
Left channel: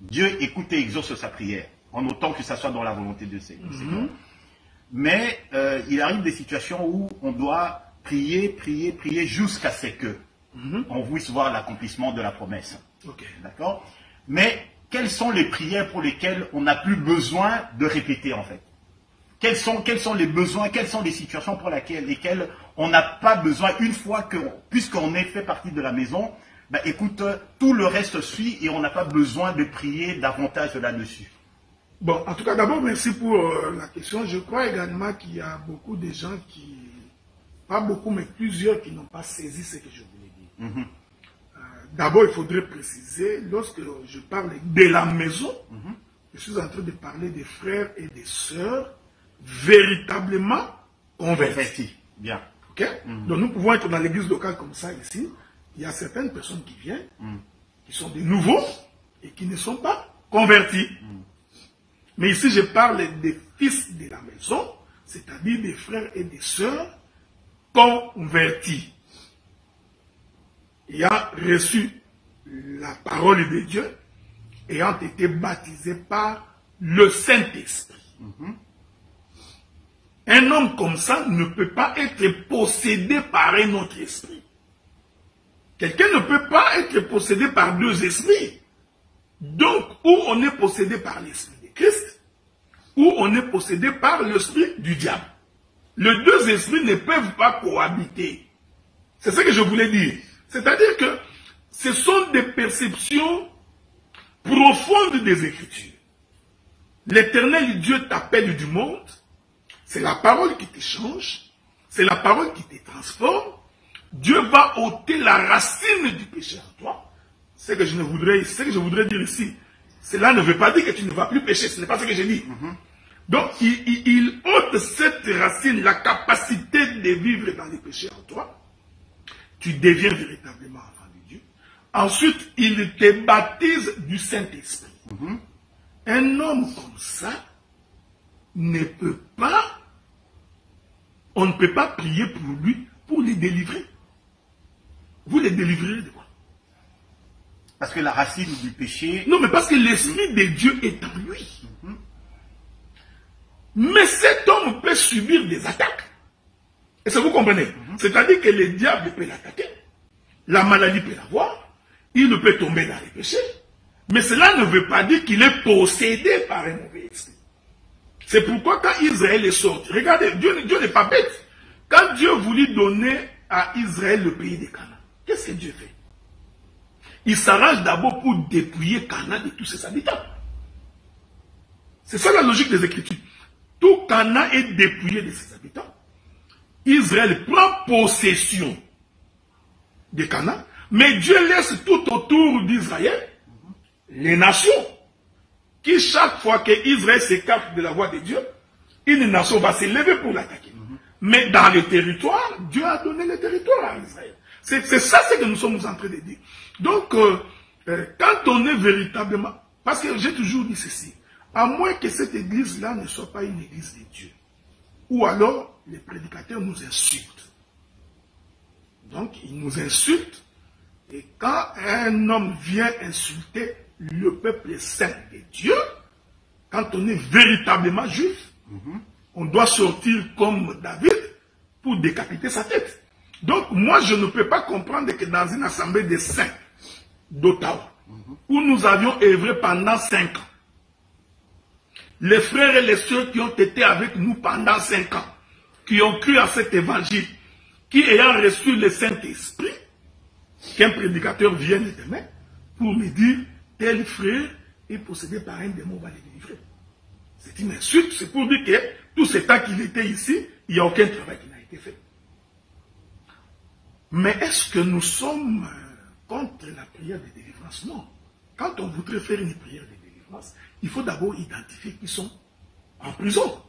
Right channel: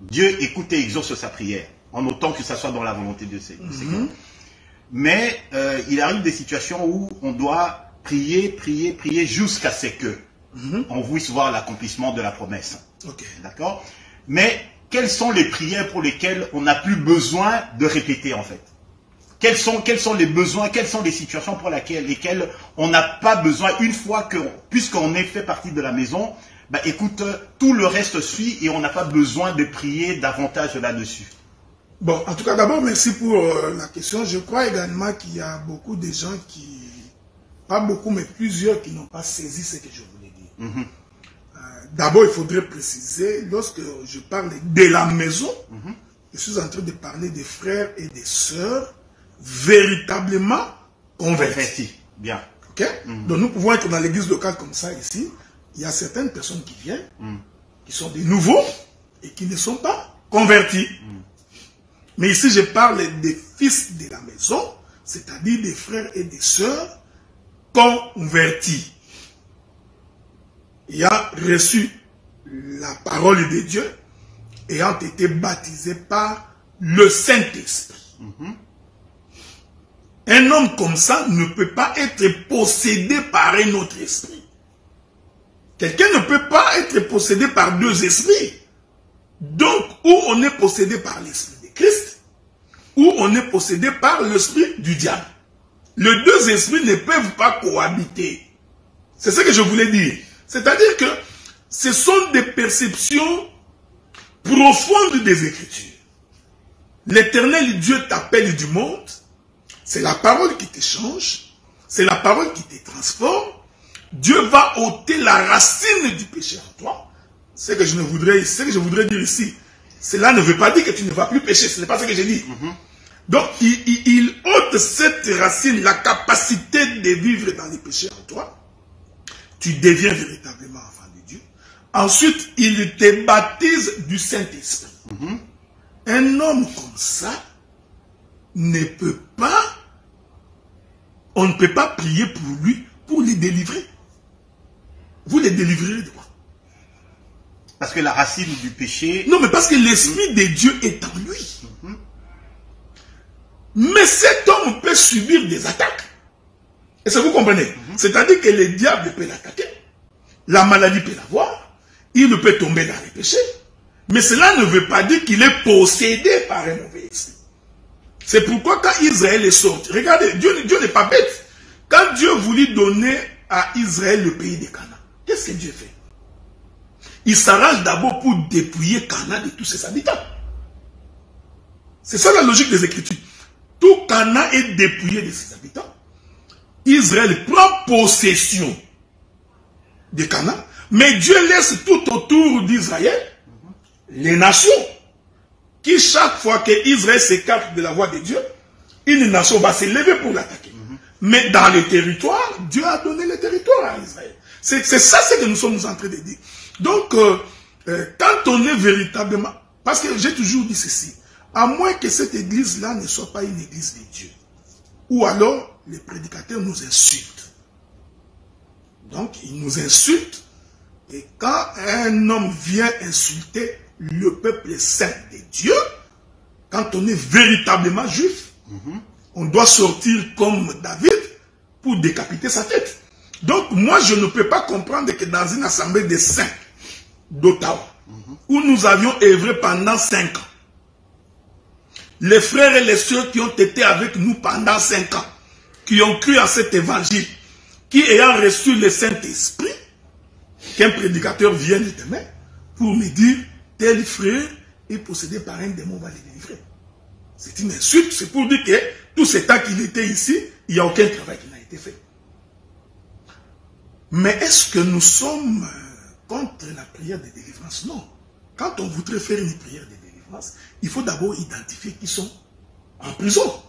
Dieu écoute et exauce sa prière, en autant que ça soit dans la volonté de ses cœurs. Mais il arrive des situations où on doit prier jusqu'à ce que on puisse voir l'accomplissement de la promesse. Okay. D'accord? Mais quelles sont les prières pour lesquelles on n'a plus besoin de répéter en fait? Quels sont les besoins, quelles sont les situations pour lesquelles on n'a pas besoin, une fois que, puisqu'on est fait partie de la maison, bah, écoute, tout le reste suit et on n'a pas besoin de prier davantage là-dessus. Bon, en tout cas, d'abord, merci pour la question. Je crois également qu'il y a beaucoup de gens qui, pas beaucoup, mais plusieurs qui n'ont pas saisi ce que je voulais dire. D'abord, il faudrait préciser, lorsque je parle de la maison, je suis en train de parler des frères et des sœurs véritablement convertis. Bien. Ok? Donc, nous pouvons être dans l'église locale comme ça ici. Il y a certaines personnes qui viennent, qui sont des nouveaux et qui ne sont pas convertis. Mais ici, je parle des fils de la maison, c'est-à-dire des frères et des sœurs convertis. Ayant reçu la parole de Dieu, ayant été baptisés par le Saint-Esprit. Un homme comme ça ne peut pas être possédé par un autre esprit. Quelqu'un ne peut pas être possédé par deux esprits. Donc, ou on est possédé par l'esprit de Christ, ou on est possédé par l'esprit du diable. Les deux esprits ne peuvent pas cohabiter. C'est ce que je voulais dire. C'est-à-dire que ce sont des perceptions profondes des Écritures. L'Éternel Dieu t'appelle du monde. C'est la parole qui te change. C'est la parole qui te transforme. Dieu va ôter la racine du péché en toi. Ce que je voudrais dire ici, cela ne veut pas dire que tu ne vas plus pécher. Ce n'est pas ce que j'ai dit. Donc, il ôte cette racine, la capacité de vivre dans les péchés en toi. Tu deviens véritablement enfant de Dieu. Ensuite, il te baptise du Saint-Esprit. Un homme comme ça ne peut pas, on ne peut pas prier pour lui, pour les délivrer. Vous les délivrerez de quoi? Parce que la racine du péché... Non, mais parce que l'Esprit de Dieu est en lui. Mais cet homme peut subir des attaques. Est-ce que vous comprenez? C'est-à-dire que le diable peut l'attaquer. La maladie peut l'avoir. Il peut tomber dans les péchés. Mais cela ne veut pas dire qu'il est possédé par un mauvais esprit. C'est pourquoi quand Israël est sorti, regardez, Dieu n'est pas bête. Quand Dieu voulut donner à Israël le pays de Canaan, qu'est-ce que Dieu fait? Il s'arrange d'abord pour dépouiller Canaan de tous ses habitants. C'est ça la logique des Écritures. Tout Canaan est dépouillé de ses habitants. Israël prend possession de Canaan, mais Dieu laisse tout autour d'Israël les nations qui chaque fois qu'Israël s'écarte de la voie de Dieu, une nation va se lever pour l'attaquer. Mais dans le territoire, Dieu a donné le territoire à Israël. C'est ça ce que nous sommes en train de dire. Donc, quand on est véritablement... Parce que j'ai toujours dit ceci. À moins que cette église-là ne soit pas une église de Dieu. Ou alors, les prédicateurs nous insultent. Donc, ils nous insultent. Et quand un homme vient insulter le peuple saint de Dieu, quand on est véritablement juif, on doit sortir comme David pour décapiter sa tête. Donc, moi, je ne peux pas comprendre que dans une assemblée des saints d'Ottawa, où nous avions œuvré pendant 5 ans, les frères et les sœurs qui ont été avec nous pendant 5 ans, qui ont cru à cet évangile, qui ayant reçu le Saint-Esprit, qu'un prédicateur vienne demain pour me dire, tel frère est possédé par un démon, va le délivrer. C'est une insulte, c'est pour dire que tout ce temps qu'il était ici, il n'y a aucun travail qui n'a été fait. Mais est-ce que nous sommes contre la prière de délivrance? Non. Quand on voudrait faire une prière de délivrance, il faut d'abord identifier qui sont en prison,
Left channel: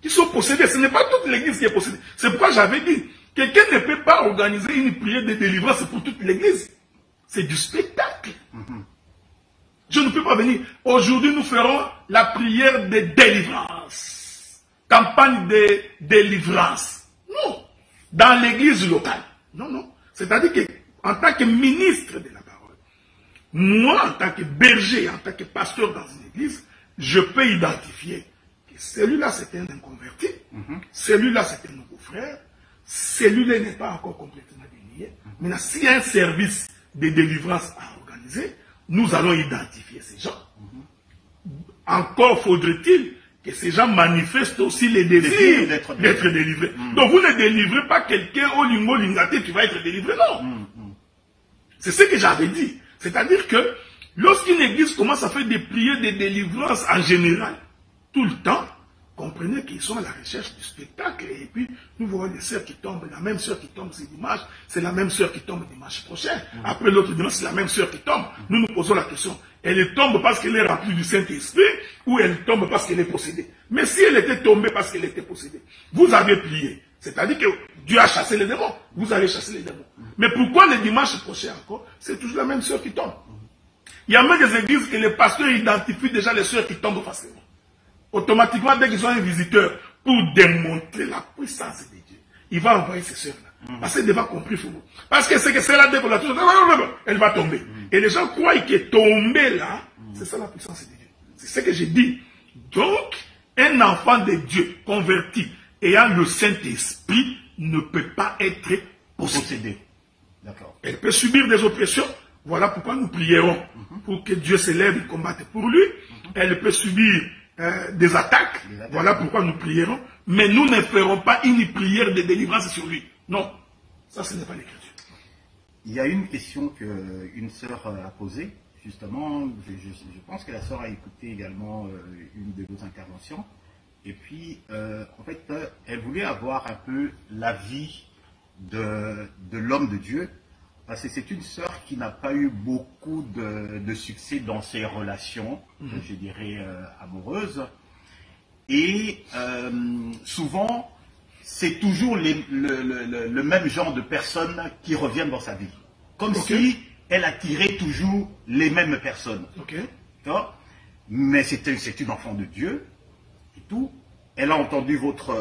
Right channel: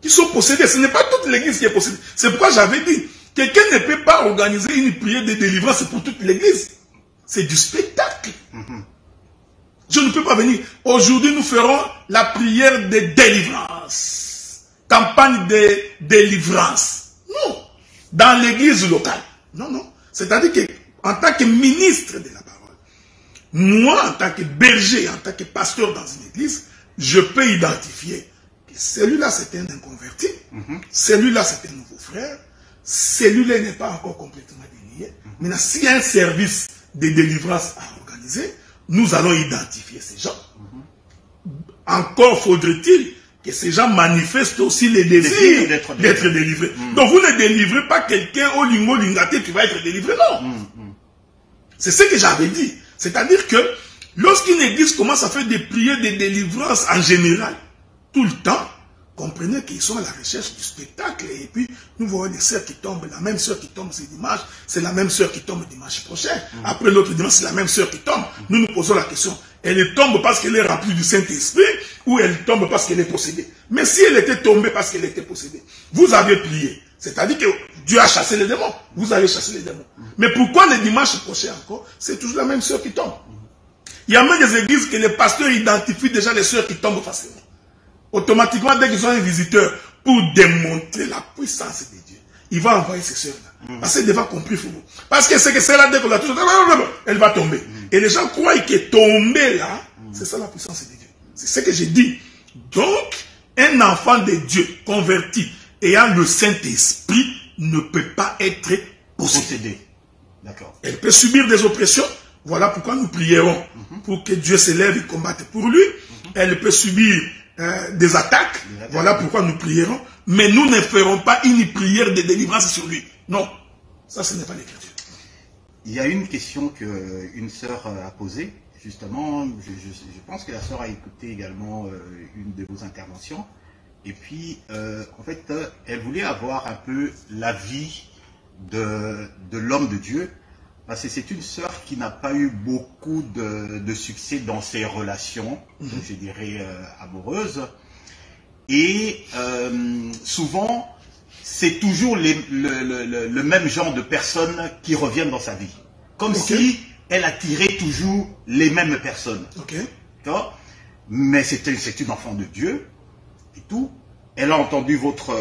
qui sont possédés. Ce n'est pas toute l'église qui est possédée. C'est pourquoi j'avais dit, quelqu'un ne peut pas organiser une prière de délivrance pour toute l'église. C'est du spectacle. Je ne peux pas venir. Aujourd'hui, nous ferons la prière de délivrance. Campagne de délivrance. Non. Dans l'église locale. Non, non. C'est-à-dire qu'en tant que ministre de la parole, moi, en tant que berger, en tant que pasteur dans une église, je peux identifier que celui-là, c'est un inconverti. Celui-là, c'est un nouveau frère. Celui-là n'est pas encore complètement délié. Maintenant, s'il y a un service de délivrance à organiser, nous allons identifier ces gens. Encore faudrait-il que ces gens manifestent aussi les désirs d'être délivrés. Donc vous ne délivrez pas quelqu'un au lingo lingaté qui va être délivré, non. C'est ce que j'avais dit. C'est-à-dire que lorsqu'une église commence à faire des prières de délivrance en général, tout le temps, comprenez qu'ils sont à la recherche du spectacle. Et puis, nous voyons des sœurs qui tombent. La même sœur qui tombe ce dimanche, c'est la même sœur qui tombe dimanche prochain. Après l'autre dimanche, c'est la même sœur qui tombe. Nous nous posons la question, elle tombe parce qu'elle est remplie du Saint-Esprit ou elle tombe parce qu'elle est possédée? Mais si elle était tombée parce qu'elle était possédée, vous avez prié. C'est-à-dire que Dieu a chassé les démons. Vous allez chasser les démons. Mais pourquoi le dimanche prochain encore, c'est toujours la même sœur qui tombe? Il y a même des églises que les pasteurs identifient déjà les sœurs qui tombent facilement. Automatiquement, dès qu'ils ont un visiteur, pour démontrer la puissance de Dieu, il va envoyer ces sœurs-là. Parce qu'elle devra compris pour vous. Parce que c'est que celle-là, dès qu'on la touche, elle va tomber. Et les gens croient que tomber là, c'est ça la puissance de Dieu. C'est ce que j'ai dit. Donc, un enfant de Dieu converti, ayant le Saint-Esprit, ne peut pas être possédé. D'accord. Elle peut subir des oppressions. Voilà pourquoi nous prierons. Pour que Dieu se lève et combatte pour lui. Elle peut subir des attaques. Voilà pourquoi nous prierons. Mais nous ne ferons pas une prière de délivrance sur lui. Non. Ça, ce n'est pas l'écriture. Il y a une question qu'une sœur a posée. Justement, je pense que la sœur a écouté également une de vos interventions. Et puis, en fait, elle voulait avoir un peu l'avis de l'homme de Dieu. Parce que c'est une sœur qui n'a pas eu beaucoup de succès dans ses relations, je dirais, amoureuses. Et souvent, c'est toujours le même genre de personnes qui reviennent dans sa vie. Comme si elle attirait toujours les mêmes personnes. Mais c'est une enfant de Dieu et tout. Elle a entendu votre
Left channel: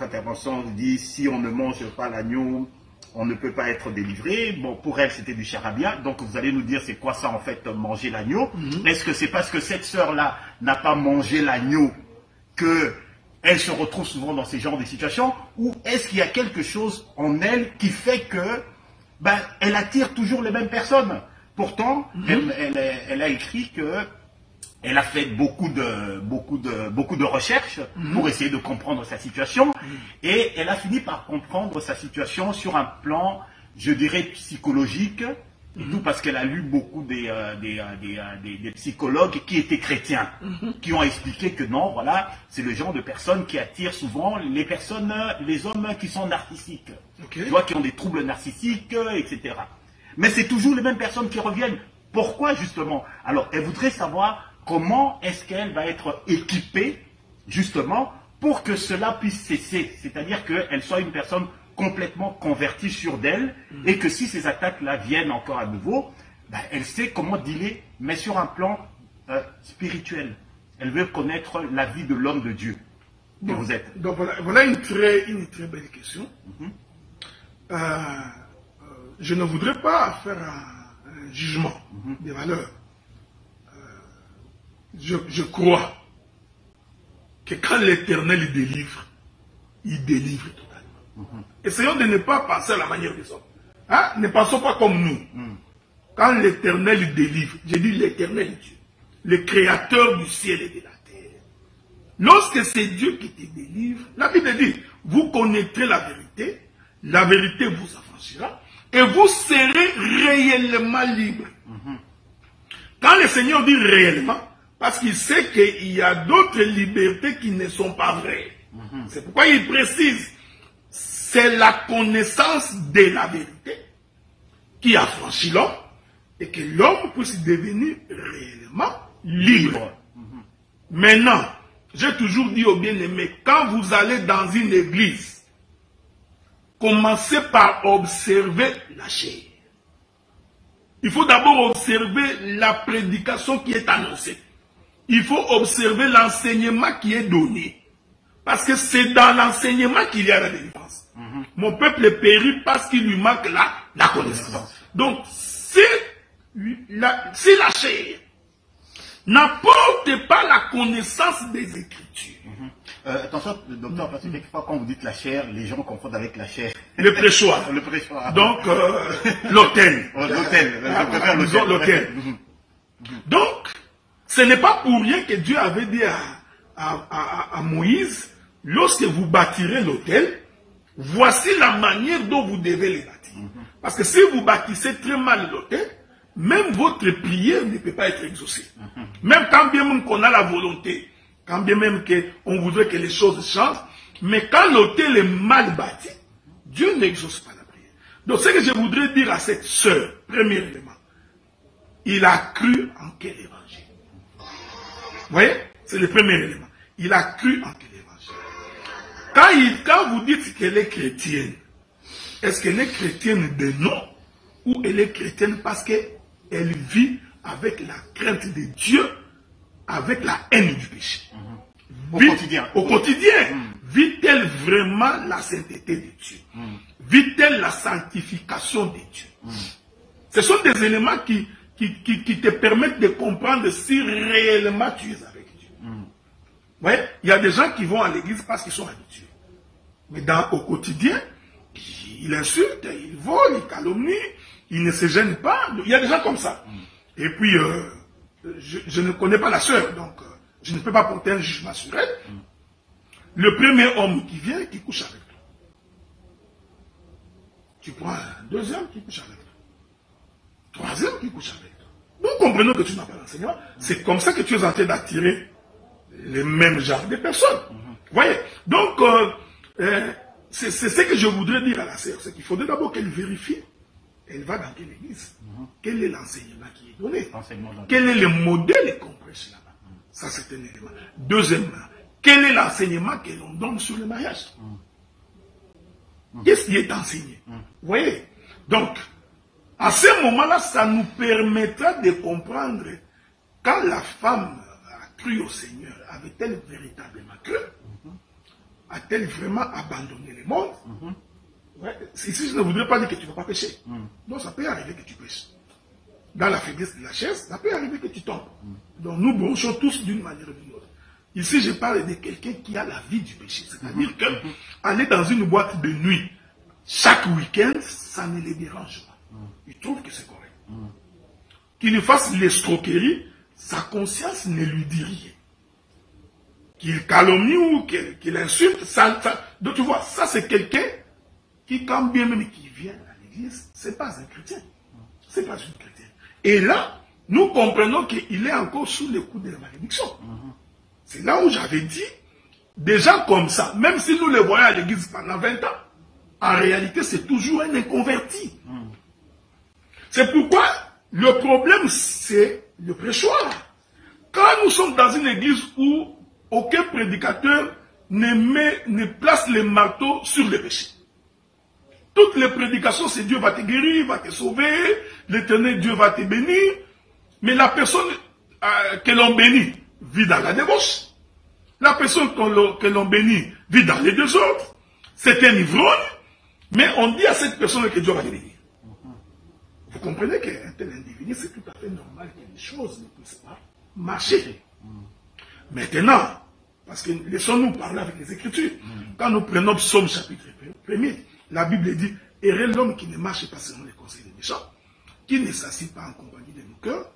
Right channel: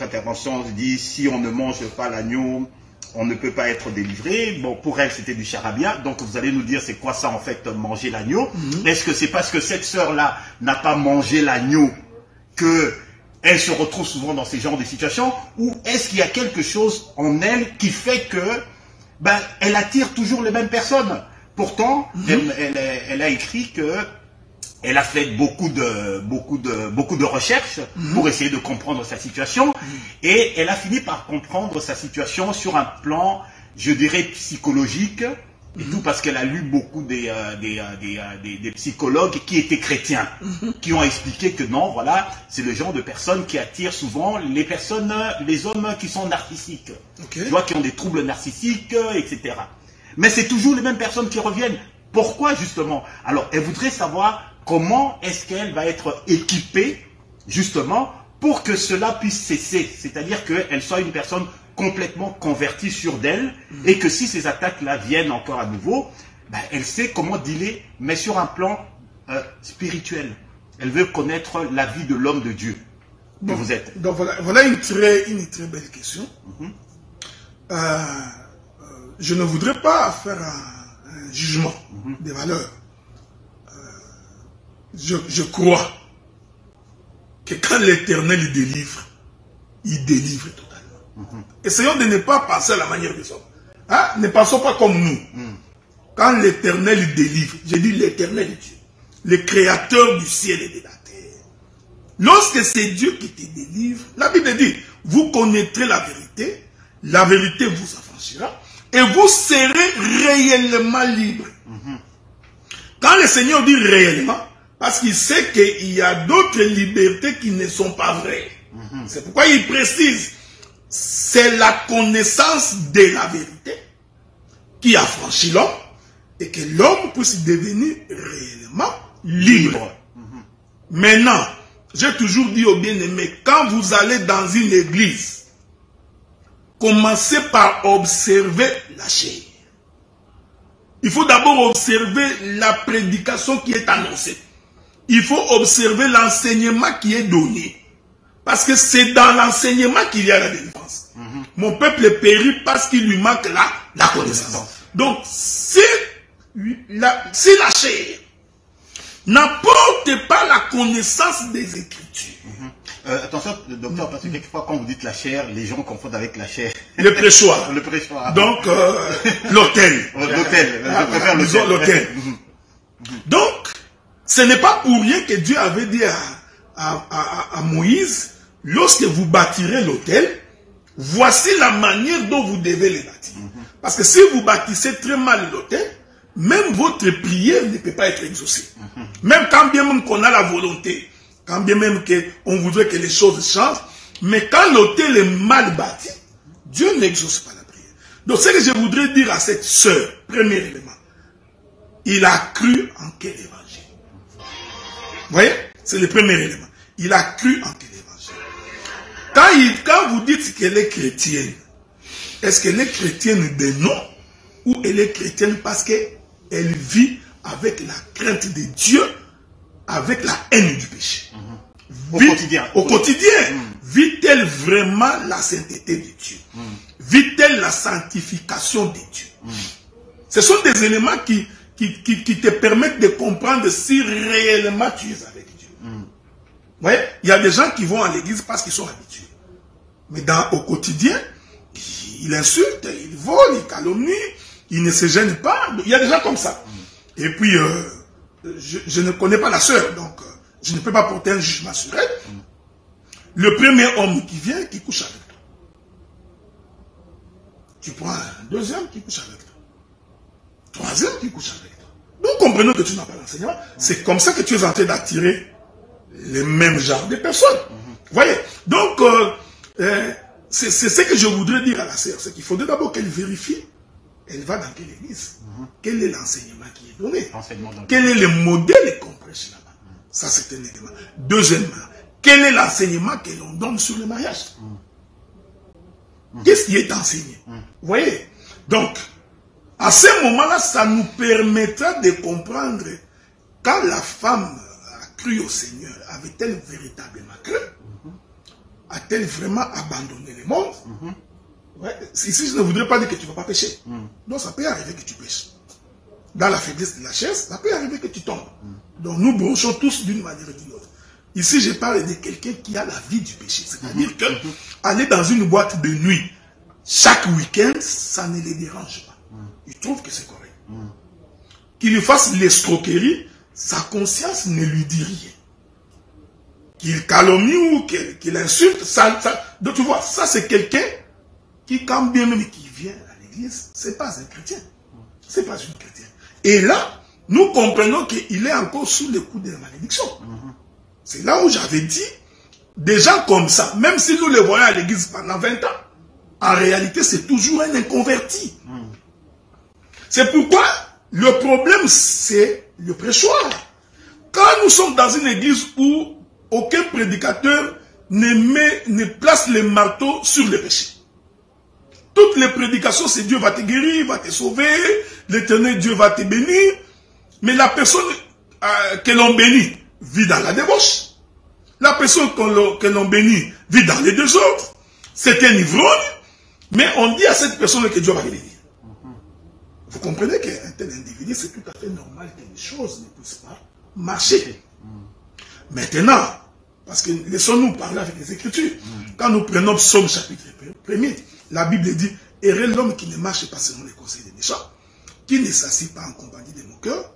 intervention, elle dit si on ne mange pas l'agneau, on ne peut pas être délivré. Bon, pour elle, c'était du charabia. Donc, vous allez nous dire, c'est quoi ça, en fait, manger l'agneau? Est-ce que c'est parce que cette sœur-là n'a pas mangé l'agneau qu'elle se retrouve souvent dans ces genres de situations? Ou est-ce qu'il y a quelque chose en elle qui fait que elle attire toujours les mêmes personnes? Pourtant, elle a écrit que elle a fait beaucoup de recherches pour essayer de comprendre sa situation et elle a fini par comprendre sa situation sur un plan, je dirais, psychologique et tout parce qu'elle a lu beaucoup des psychologues qui étaient chrétiens, qui ont expliqué que non, voilà, c'est le genre de personnes qui attirent souvent les hommes qui sont narcissiques, tu vois, qui ont des troubles narcissiques, etc. Mais c'est toujours les mêmes personnes qui reviennent. Pourquoi justement? Alors, elle voudrait savoir comment est-ce qu'elle va être équipée, justement, pour que cela puisse cesser. C'est-à-dire qu'elle soit une personne complètement convertie sur d'elle, et que si ces attaques-là viennent encore à nouveau, ben, elle sait comment dealer, mais sur un plan spirituel. Elle veut connaître la vie de l'homme de Dieu que vous êtes. Donc voilà une très belle question. Je ne voudrais pas faire un jugement des valeurs. Je crois que quand l'Éternel délivre, il délivre totalement. Essayons de ne pas penser à la manière des hommes. Hein? Ne pensons pas comme nous. Quand l'Éternel délivre, j'ai dit l'Éternel est Dieu, le créateur du ciel et de la terre. Lorsque c'est Dieu qui te délivre, la Bible dit, vous connaîtrez la vérité vous affranchira, et vous serez réellement libre. Quand le Seigneur dit réellement, parce qu'il sait qu'il y a d'autres libertés qui ne sont pas vraies. C'est pourquoi il précise, c'est la connaissance de la vérité qui affranchit l'homme, et que l'homme puisse devenir réellement libre. Maintenant, j'ai toujours dit aux bien-aimés, quand vous allez dans une église, commencez par observer la chair. Il faut d'abord observer la prédication qui est annoncée. Il faut observer l'enseignement qui est donné. Parce que c'est dans l'enseignement qu'il y a la délivrance. Mon peuple périt parce qu'il lui manque la connaissance. Donc, si la chair n'apporte pas la connaissance des Écritures. Attention, docteur, parce que quelquefois, quand vous dites la chair, les gens confondent avec la chair. Le prêchoir. Le prêchoir. Donc, l'autel. L'autel. Je préfère l'autel. Donc, ce n'est pas pour rien que Dieu avait dit à Moïse, lorsque vous bâtirez l'autel, voici la manière dont vous devez le bâtir. Parce que si vous bâtissez très mal l'autel, même votre prière ne peut pas être exaucée. Même quand bien même qu'on a la volonté, quand bien même qu'on voudrait que les choses changent, mais quand l'autel est mal bâti, Dieu n'exauce pas la prière. Donc ce que je voudrais dire à cette sœur, premier élément, il a cru en quel évangile? Vous voyez? C'est le premier élément. Il a cru en quel évangile? Quand vous dites qu'elle est chrétienne, est-ce qu'elle est chrétienne de nom ou elle est chrétienne parce qu'elle vit avec la crainte de Dieu, avec la haine du péché? Au quotidien. Au quotidien. Vit-elle vraiment la sainteté de Dieu? Vit-elle la sanctification de Dieu? Ce sont des éléments qui te permettent de comprendre si réellement tu es avec Dieu. Vous voyez, il y a des gens qui vont à l'église parce qu'ils sont habitués. Mais au quotidien, il insulte, il vole, il calomnie, il ne se gêne pas. Il y a des gens comme ça. Et puis, je ne connais pas la sœur, donc je ne peux pas porter un jugement sur elle. Le premier homme qui vient, qui couche avec toi. Tu prends un deuxième qui couche avec toi. Troisième qui couche avec toi. Nous comprenons que tu n'as pas l'enseignement. C'est comme ça que tu es en train d'attirer les mêmes genres de personnes. Vous voyez? Donc, c'est ce que je voudrais dire à la sœur. C'est qu'il faudrait d'abord qu'elle vérifie. Elle va dans quelle église? Quel est l'enseignement qui est donné? Quel est le modèle qu'on prêche là-bas? Ça, c'est un élément. Deuxièmement, quel est l'enseignement que l'on donne sur le mariage? Qu'est-ce qui est enseigné? Vous voyez? Donc, à ce moment-là, ça nous permettra de comprendre quand la femme a cru au Seigneur, avait-elle véritablement cru? A-t-elle vraiment abandonné le monde? Ouais. Ici, je ne voudrais pas dire que tu ne vas pas pécher. Donc, ça peut arriver que tu pêches. Dans la faiblesse de la chair, ça peut arriver que tu tombes. Donc, nous bronchons tous d'une manière ou d'une autre. Ici, je parle de quelqu'un qui a la vie du péché. C'est-à-dire qu'aller dans une boîte de nuit chaque week-end, ça ne les dérange pas. Il trouve que c'est correct. Qu'il lui fasse l'escroquerie, sa conscience ne lui dit rien. Qu'il calomnie ou qu'il insulte, donc tu vois, ça c'est quelqu'un qui, quand bien même qui vient à l'église, c'est pas un chrétien. C'est pas une chrétienne. Et là, nous comprenons qu'il est encore sous le coup de la malédiction. C'est là où j'avais dit, des gens comme ça, même si nous les voyons à l'église pendant 20 ans, en réalité, c'est toujours un inconverti. C'est pourquoi Le problème, c'est le prêchoir. Quand nous sommes dans une église où aucun prédicateur ne place le marteau sur le péché. Toutes les prédications, c'est Dieu va te guérir, va te sauver, l'Éternel Dieu va te bénir. Mais la personne que l'on bénit vit dans la débauche. La personne que l'on bénit vit dans les désordres. C'est un ivrogne, mais on dit à cette personne que Dieu va le bénir. Vous comprenez qu'un tel individu, c'est tout à fait normal que les choses ne puissent pas marcher. Maintenant, parce que laissons-nous parler avec les Écritures. Quand nous prenons Psaume chapitre 1er, la Bible dit « Heureux l'homme qui ne marche pas selon les conseils des méchants, qui ne s'assied pas en compagnie de nos cœurs,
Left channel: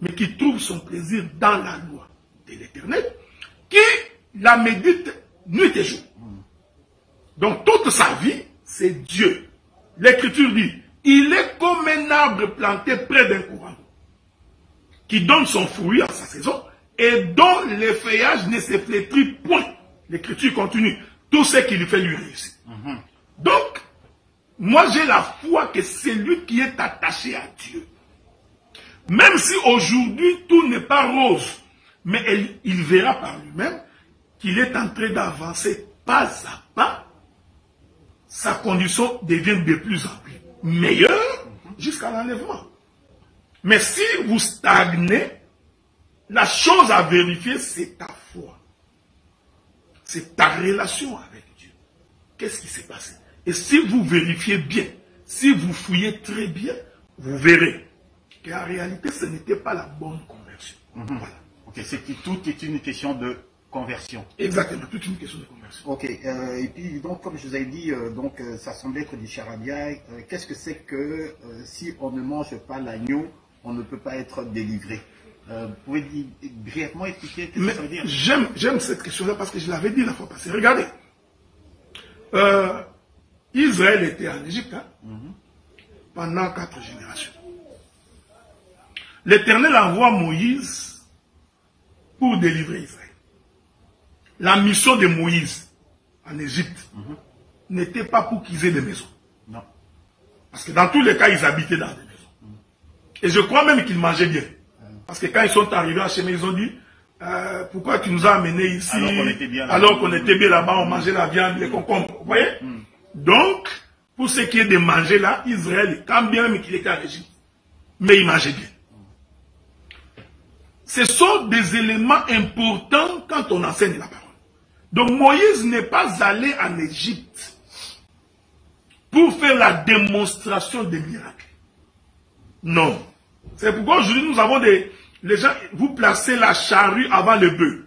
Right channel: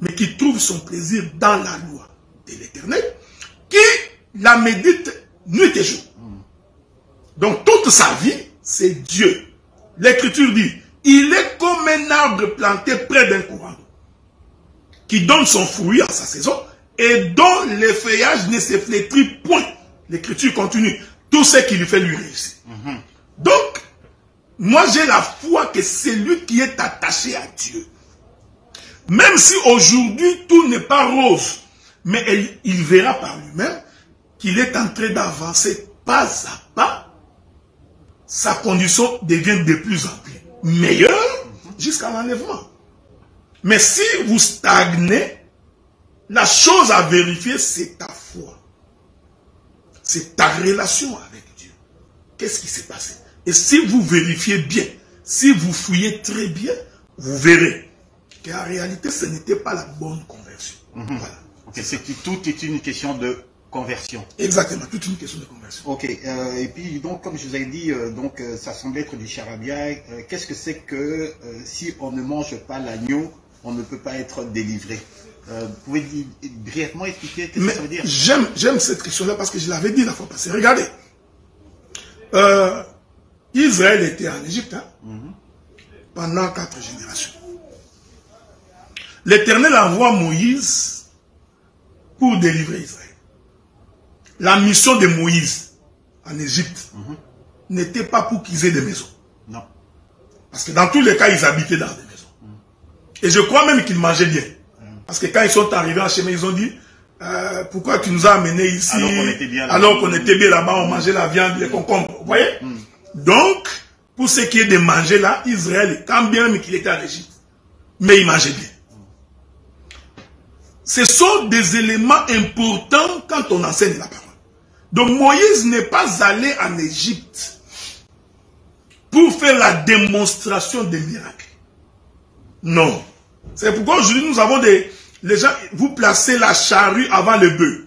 mais qui trouve son plaisir dans la loi de l'Éternel, qui la médite nuit et jour. » Donc toute sa vie, c'est Dieu. L'Écriture dit « Il est comme un arbre planté près d'un courant d'eau, qui donne son fruit en sa saison, et dont les feuillages ne se flétrit point. » L'Écriture continue. Tout ce qui lui fait lui réussir. Donc, moi j'ai la foi que c'est lui qui est attaché à Dieu. Même si aujourd'hui tout n'est pas rose, mais il verra par lui-même qu'il est en train d'avancer pas à pas, sa condition devient de plus en plus meilleure jusqu'à l'enlèvement. Mais si vous stagnez, la chose à vérifier, c'est ta foi. C'est ta relation avec Dieu. Qu'est-ce qui s'est passé? Et si vous vérifiez bien, si vous fouillez très bien, vous verrez qu'en réalité, ce n'était pas la bonne conversion. Voilà. Okay, tout est une question de conversion. Exactement, toute une question de conversion. Ok, et puis donc, comme je vous ai dit, ça semble être du charabia. Qu'est-ce que c'est que si on ne mange pas l'agneau, on ne peut pas être délivré? Vous pouvez brièvement expliquer ce que ça veut dire? J'aime cette question-là parce que je l'avais dit la fois passée. Regardez. Israël était en Égypte pendant 4 générations. L'Éternel envoie Moïse pour délivrer Israël. La mission de Moïse en Égypte n'était pas pour qu'ils aient des maisons. Non. Parce que dans tous les cas, ils habitaient dans des maisons. Et je crois même qu'ils mangeaient bien. Parce que quand ils sont arrivés en chemin, ils ont dit pourquoi tu nous as amenés ici alors qu'on était bien là-bas, on mangeait la viande, les concombres. Vous voyez? Donc, pour ce qui est de manger là, Israël, quand bien même qu'il était en Égypte, mais il mangeait bien. Ce sont des éléments importants quand on enseigne la parole. Donc Moïse n'est pas allé en Égypte pour faire la démonstration des miracles. Non. C'est pourquoi aujourd'hui nous avons les gens, vous placez la charrue avant le bœuf.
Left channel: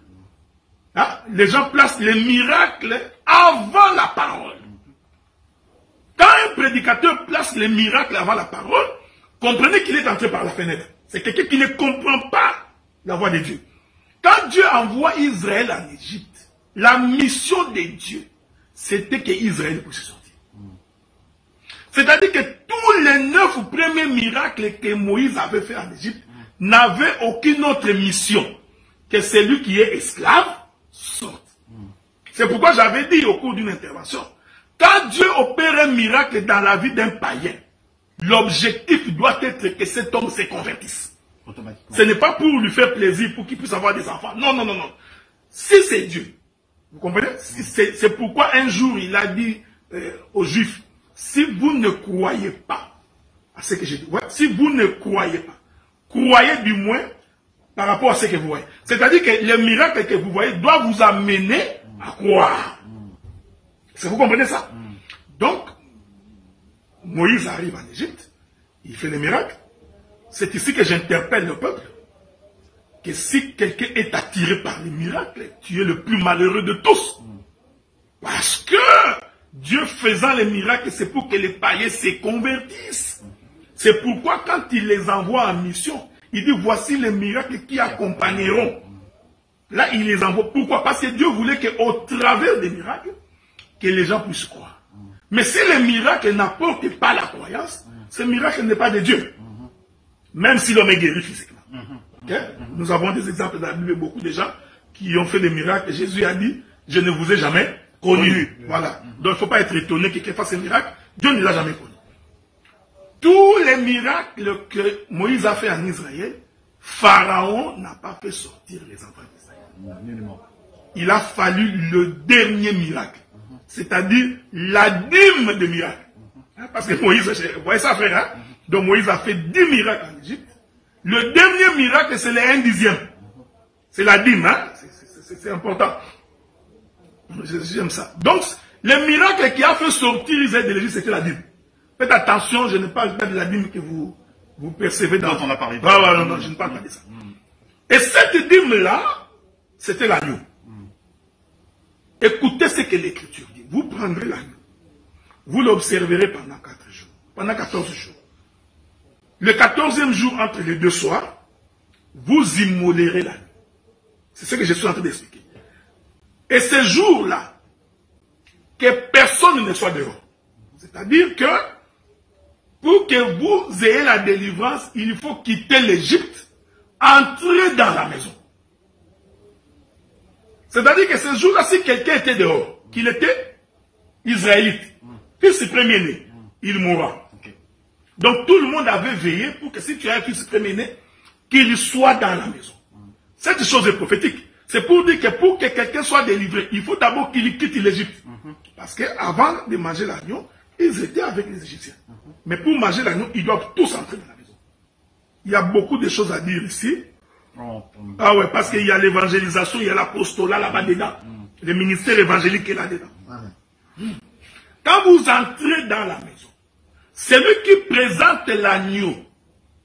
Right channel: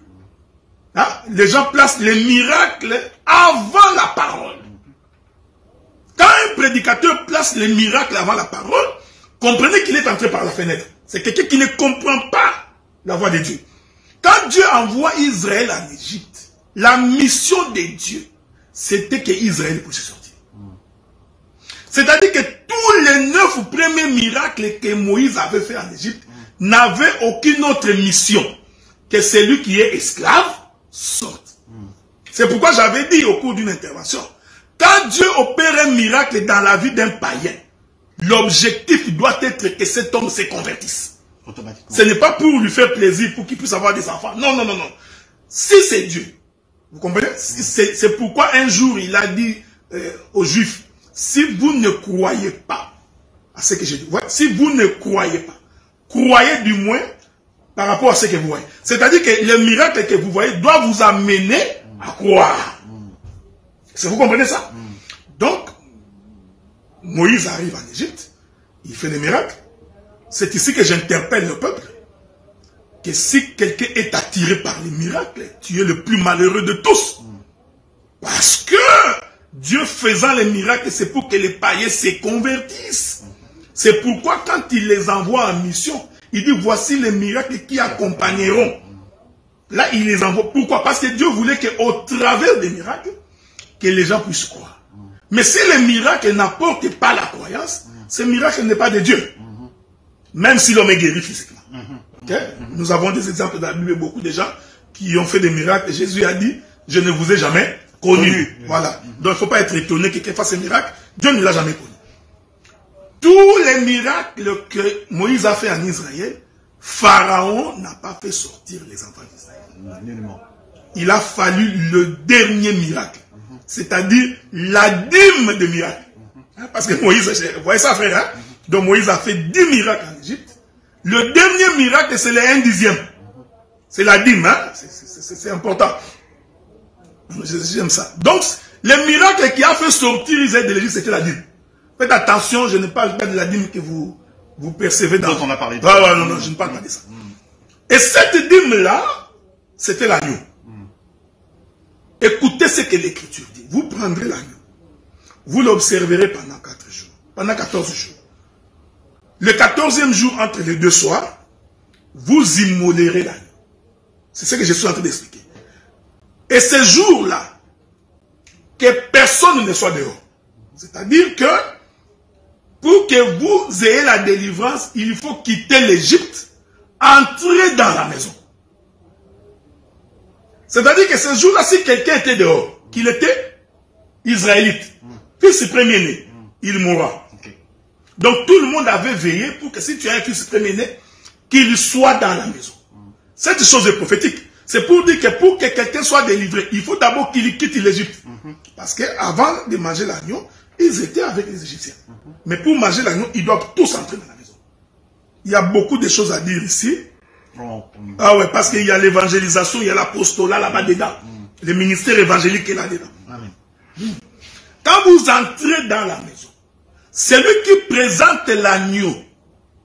Hein? Les gens placent les miracles avant la parole. Quand un prédicateur place les miracles avant la parole, comprenez qu'il est entré par la fenêtre. C'est quelqu'un qui ne comprend pas la voix de Dieu. Quand Dieu envoie Israël en Égypte, la mission de Dieu, c'était que Israël puisse sortir. C'est-à-dire que tous les 9 premiers miracles que Moïse avait fait en Égypte n'avaient aucune autre mission que celui qui est esclave sorte. C'est pourquoi j'avais dit au cours d'une intervention, quand Dieu opère un miracle dans la vie d'un païen, l'objectif doit être que cet homme se convertisse. Ce n'est pas pour lui faire plaisir, pour qu'il puisse avoir des enfants. Non, non, non, non. Si c'est Dieu, vous comprenez? C'est pourquoi un jour il a dit aux Juifs, si vous ne croyez pas à ce que j'ai dit, si vous ne croyez pas, croyez du moins par rapport à ce que vous voyez. C'est-à-dire que les miracles que vous voyez doivent vous amener à croire. Vous comprenez ça? Donc, Moïse arrive en Égypte, il fait des miracles. C'est ici que j'interpelle le peuple. Que si quelqu'un est attiré par les miracles, tu es le plus malheureux de tous. Parce que Dieu faisant les miracles, c'est pour que les païens se convertissent. C'est pourquoi quand il les envoie en mission, il dit voici les miracles qui accompagneront. Là, il les envoie. Pourquoi? Parce que Dieu voulait qu'au travers des miracles, que les gens puissent croire. Mais si les miracles n'apportent pas la croyance, ce miracle n'est pas de Dieu. Même si l'homme est guéri physiquement. Okay? Nous avons des exemples dans la Bible, beaucoup de gens qui ont fait des miracles. Jésus a dit, je ne vous ai jamais connu. Voilà. Donc il ne faut pas être étonné que quelqu'un fasse un miracle. Dieu ne l'a jamais connu. tous les miracles que Moïse a fait en Israël, Pharaon n'a pas fait sortir les enfants d'Israël. Il a fallu le dernier miracle, c'est-à-dire la dîme de miracle. Parce que Moïse, vous voyez ça frère, hein? Donc Moïse a fait 10 miracles en Égypte. Le dernier miracle, c'est le 1/10. C'est la dîme, hein? C'est important. J'aime ça. Donc, le miracle qui a fait sortir Israël de l'Égypte, c'était la dîme. Faites attention, je ne parle pas de la dîme que vous percevez dans... Donc on a parlé de ça. Non, non, je ne parle pas de ça. Et cette dîme-là, c'était l'agneau. Écoutez ce que l'Écriture dit. Vous prendrez l'agneau. Vous l'observerez pendant 4 jours. Pendant 14 jours. Le 14e jour, entre les 2 soirs, vous immolerez l'agneau. C'est ce que je suis en train d'expliquer. Et ce jour-là, que personne ne soit dehors. C'est-à-dire que, pour que vous ayez la délivrance, il faut quitter l'Égypte, entrer dans la maison. C'est-à-dire que ce jour-là, si quelqu'un était dehors, qu'il était israélite, fils premier-né, il mourra. Donc tout le monde avait veillé pour que si tu as un fils premier-né, qu'il soit dans la maison. Cette chose est prophétique. C'est pour dire que pour que quelqu'un soit délivré, il faut d'abord qu'il quitte l'Égypte. Parce qu'avant de manger l'agneau, ils étaient avec les Égyptiens. Mais pour manger l'agneau, ils doivent tous entrer dans la maison. Il y a beaucoup de choses à dire ici. Ah ouais, parce qu'il y a l'évangélisation, il y a l'apostolat là-bas dedans. Le ministère évangélique est là-dedans. Quand vous entrez dans la maison, celui qui présente l'agneau,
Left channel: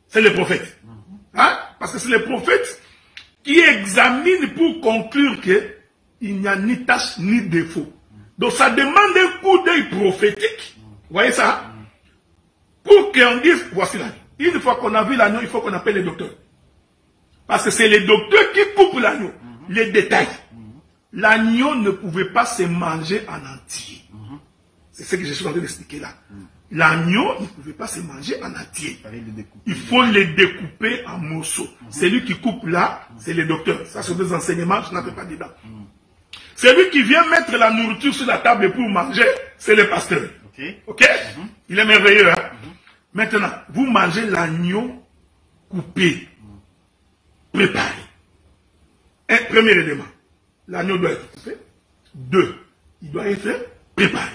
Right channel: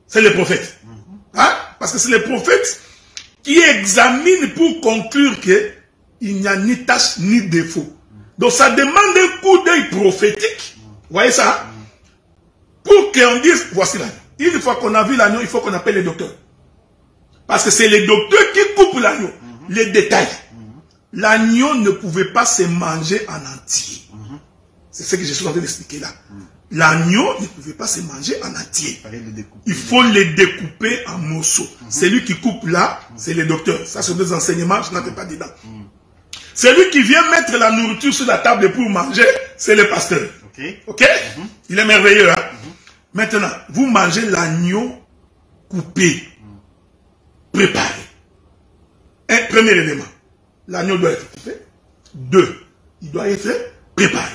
c'est le prophète. Hein? Parce que c'est le prophète qui examine pour conclure qu'il n'y a ni tâche ni défaut. Donc ça demande un coup d'œil prophétique. Vous voyez ça? Pour qu'on dise, voici l'agneau. Une fois qu'on a vu l'agneau, il faut qu'on appelle les docteurs. Parce que c'est les docteurs qui coupent l'agneau. Les détails. L'agneau ne pouvait pas se manger en entier. C'est ce que je suis en train d'expliquer là. L'agneau ne pouvait pas se manger en entier. Il faut les découper en morceaux. Celui qui coupe là, c'est le docteur. Ça, c'est des enseignements, je n'en fais pas dedans. Celui qui vient mettre la nourriture sur la table pour manger, c'est le pasteur. Ok? Il est merveilleux. Hein? Maintenant, vous mangez l'agneau coupé, préparé. Un premier élément. L'agneau doit être coupé. 2, il doit être préparé.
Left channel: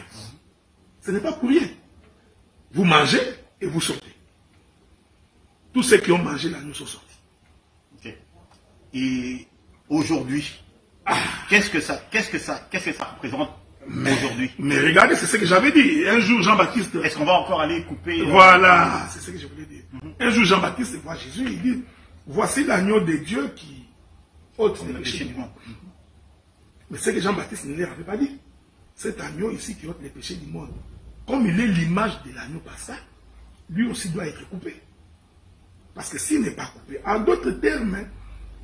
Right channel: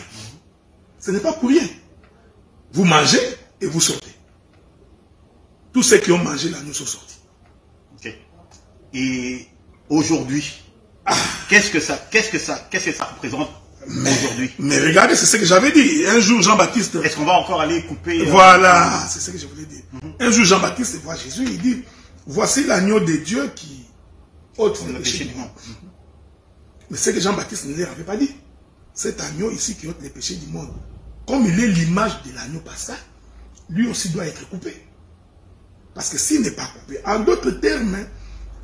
Ce n'est pas pour rien. Vous mangez et vous sortez. Tous ceux qui ont mangé l'agneau sont sortis. Et aujourd'hui, qu'est-ce que ça représente aujourd'hui? Mais regardez, c'est ce que j'avais dit. Un jour, Jean-Baptiste... Est-ce qu'on va encore aller couper... Voilà, c'est ce que je voulais dire. Un jour, Jean-Baptiste voit Jésus, il dit, voici l'agneau de Dieu qui ôte le péché du monde. Mais c'est que Jean-Baptiste ne leur avait pas dit. Cet agneau ici qui ôte les péchés du monde, comme il est l'image de l'agneau passé, lui aussi doit être coupé. Parce que s'il n'est pas coupé, en d'autres termes,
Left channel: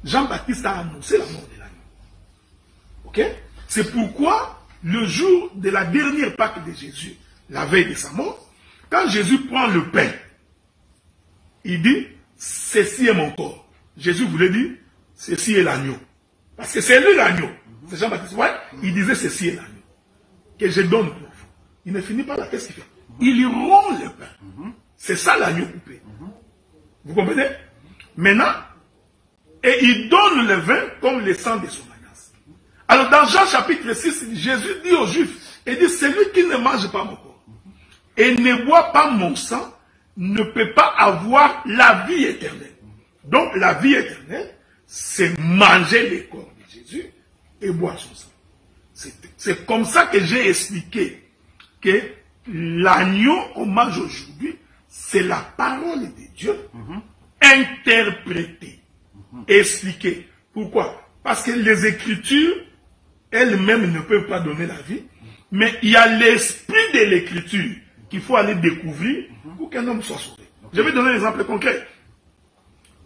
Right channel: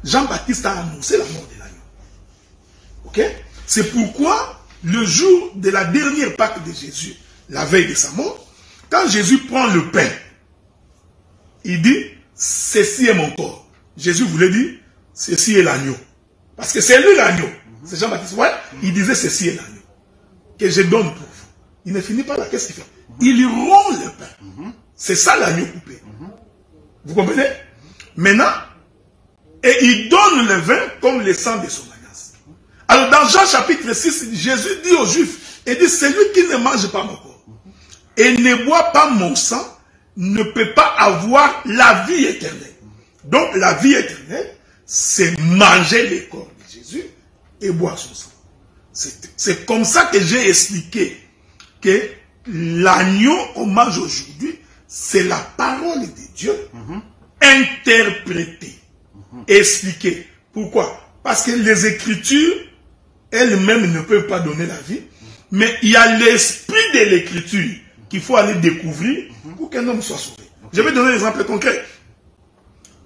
Jean-Baptiste a annoncé la mort de l'agneau. Ok? C'est pourquoi, le jour de la dernière Pâque de Jésus, la veille de sa mort, quand Jésus prend le pain, il dit, ceci est mon corps. Jésus voulait dire, ceci est l'agneau. Parce que c'est lui l'agneau. C'est Jean-Baptiste, ouais, il disait, ceci est l'agneau que je donne pour vous. Il ne finit pas là, qu'est-ce qu'il fait? Il rompt le pain. C'est ça l'agneau coupé. Vous comprenez? Maintenant, et il donne le vin comme le sang de son alliance. Alors dans Jean chapitre 6, Jésus dit aux Juifs, il dit, celui qui ne mange pas mon corps et ne boit pas mon sang ne peut pas avoir la vie éternelle. Donc la vie éternelle, c'est manger le corps de Jésus et boire son sang. C'est comme ça que j'ai expliqué que l'agneau qu'on mange aujourd'hui, c'est la parole de Dieu interprétée, expliquée. Pourquoi? Parce que les Écritures elles-mêmes ne peuvent pas donner la vie, mais il y a l'esprit de l'Écriture qu'il faut aller découvrir pour qu'un homme soit sauvé. Je vais donner un exemple concret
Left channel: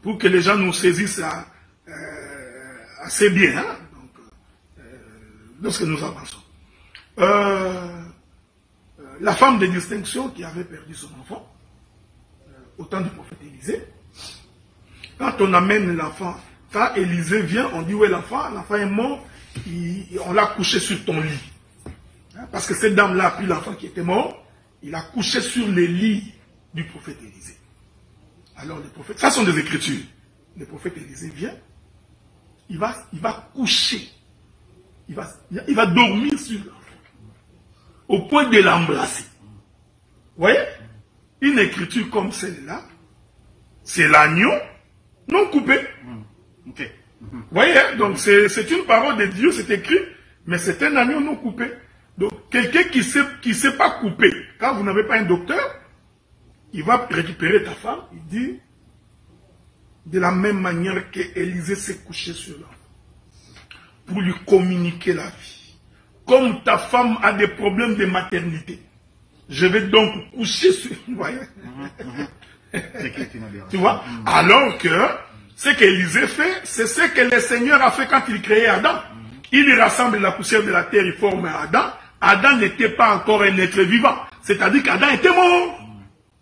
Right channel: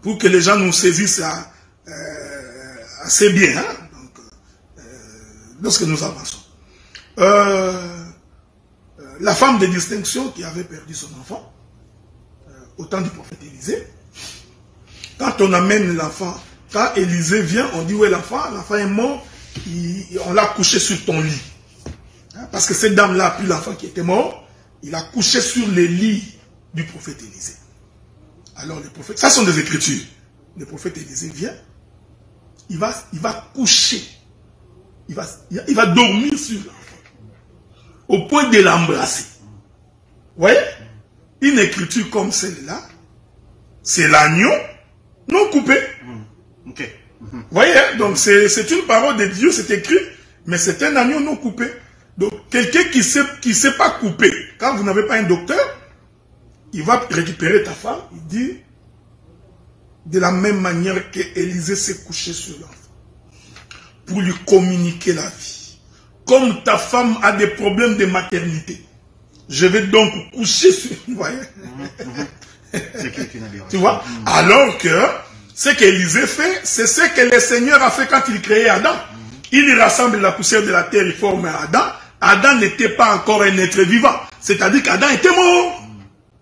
pour que les gens nous saisissent assez bien. Hein? Lorsque nous avançons. La femme de distinction qui avait perdu son enfant, au temps du prophète Élisée, quand on amène l'enfant, quand Élisée vient, on dit où est l'enfant est mort, on l'a couché sur ton lit. Parce que cette dame-là a pris l'enfant qui était mort, il a couché sur le lit du prophète Élisée. Alors le prophète, ça sont des écritures. Le prophète Élisée vient, il va coucher, il va dormir sur l'enfant, au point de l'embrasser. Vous voyez? Une écriture comme celle-là, c'est l'agneau non coupé. Ok. Vous voyez? Donc c'est une parole de Dieu, c'est écrit, mais c'est un agneau non coupé. Donc quelqu'un qui sait pas couper, quand vous n'avez pas un docteur, il va récupérer ta femme, il dit, de la même manière que Élisée s'est couché sur l'enfant, pour lui communiquer la vie. Comme ta femme a des problèmes de maternité, je vais donc coucher sur... Vous voyez? Tu vois? Alors que ce qu'Élisée fait, c'est ce que le Seigneur a fait quand il créait Adam. Il rassemble la poussière de la terre, il forme Adam. Adam n'était pas encore un être vivant. C'est-à-dire qu'Adam était mort.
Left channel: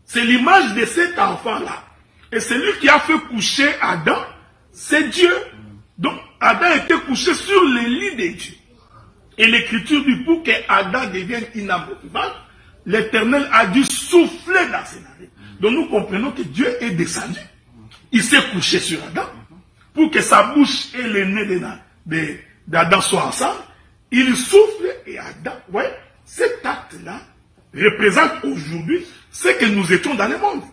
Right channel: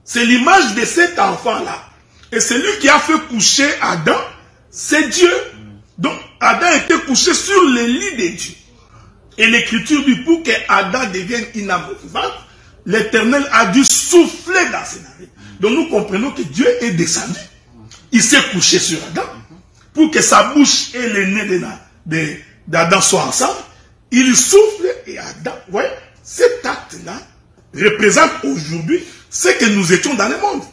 C'est l'image de cet enfant-là. Et celui qui a fait coucher Adam, c'est Dieu. Donc, Adam était couché sur le lit de Dieu. Et l'Écriture dit, pour que Adam devienne une âme vivante, l'Éternel a dû souffler dans ses narines. Donc, nous comprenons que Dieu est descendu. Il s'est couché sur Adam pour que sa bouche et le nez d'Adam soient ensemble. Il souffle et Adam, vous voyez, cet acte-là représente aujourd'hui ce que nous étions dans le monde.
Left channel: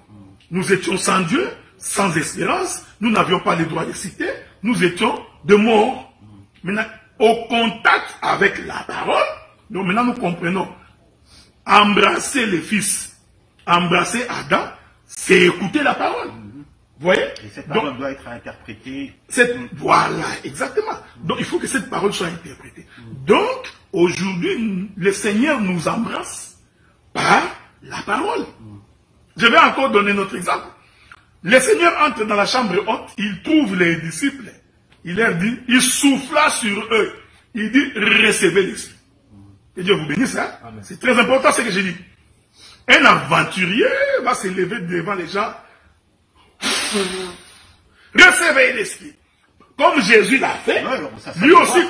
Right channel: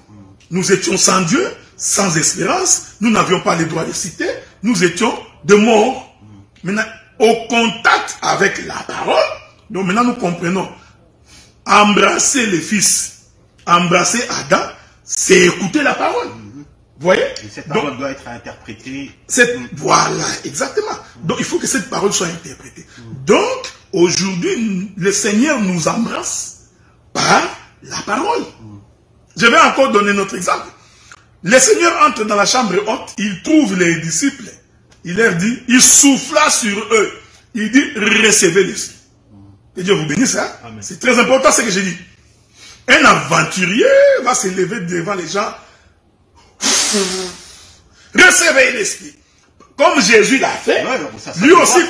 Nous étions sans Dieu, sans espérance, nous n'avions pas les droits de cité, nous étions de morts. Maintenant, au contact avec la parole, donc maintenant nous comprenons, embrasser le Fils, embrasser Adam, c'est écouter la parole. Vous voyez? Et cette parole doit être interprétée. Voilà, exactement. Donc il faut que cette parole soit interprétée. Donc, aujourd'hui, le Seigneur nous embrasse par la parole. Je vais encore donner notre exemple. Le Seigneur entre dans la chambre haute, il trouve les disciples, il leur dit, il souffla sur eux, il dit, recevez l'Esprit. Que Dieu vous bénisse, hein? C'est très important ce que j'ai dit. Un aventurier va se lever devant les gens, recevez l'Esprit. Comme Jésus l'a fait, lui aussi,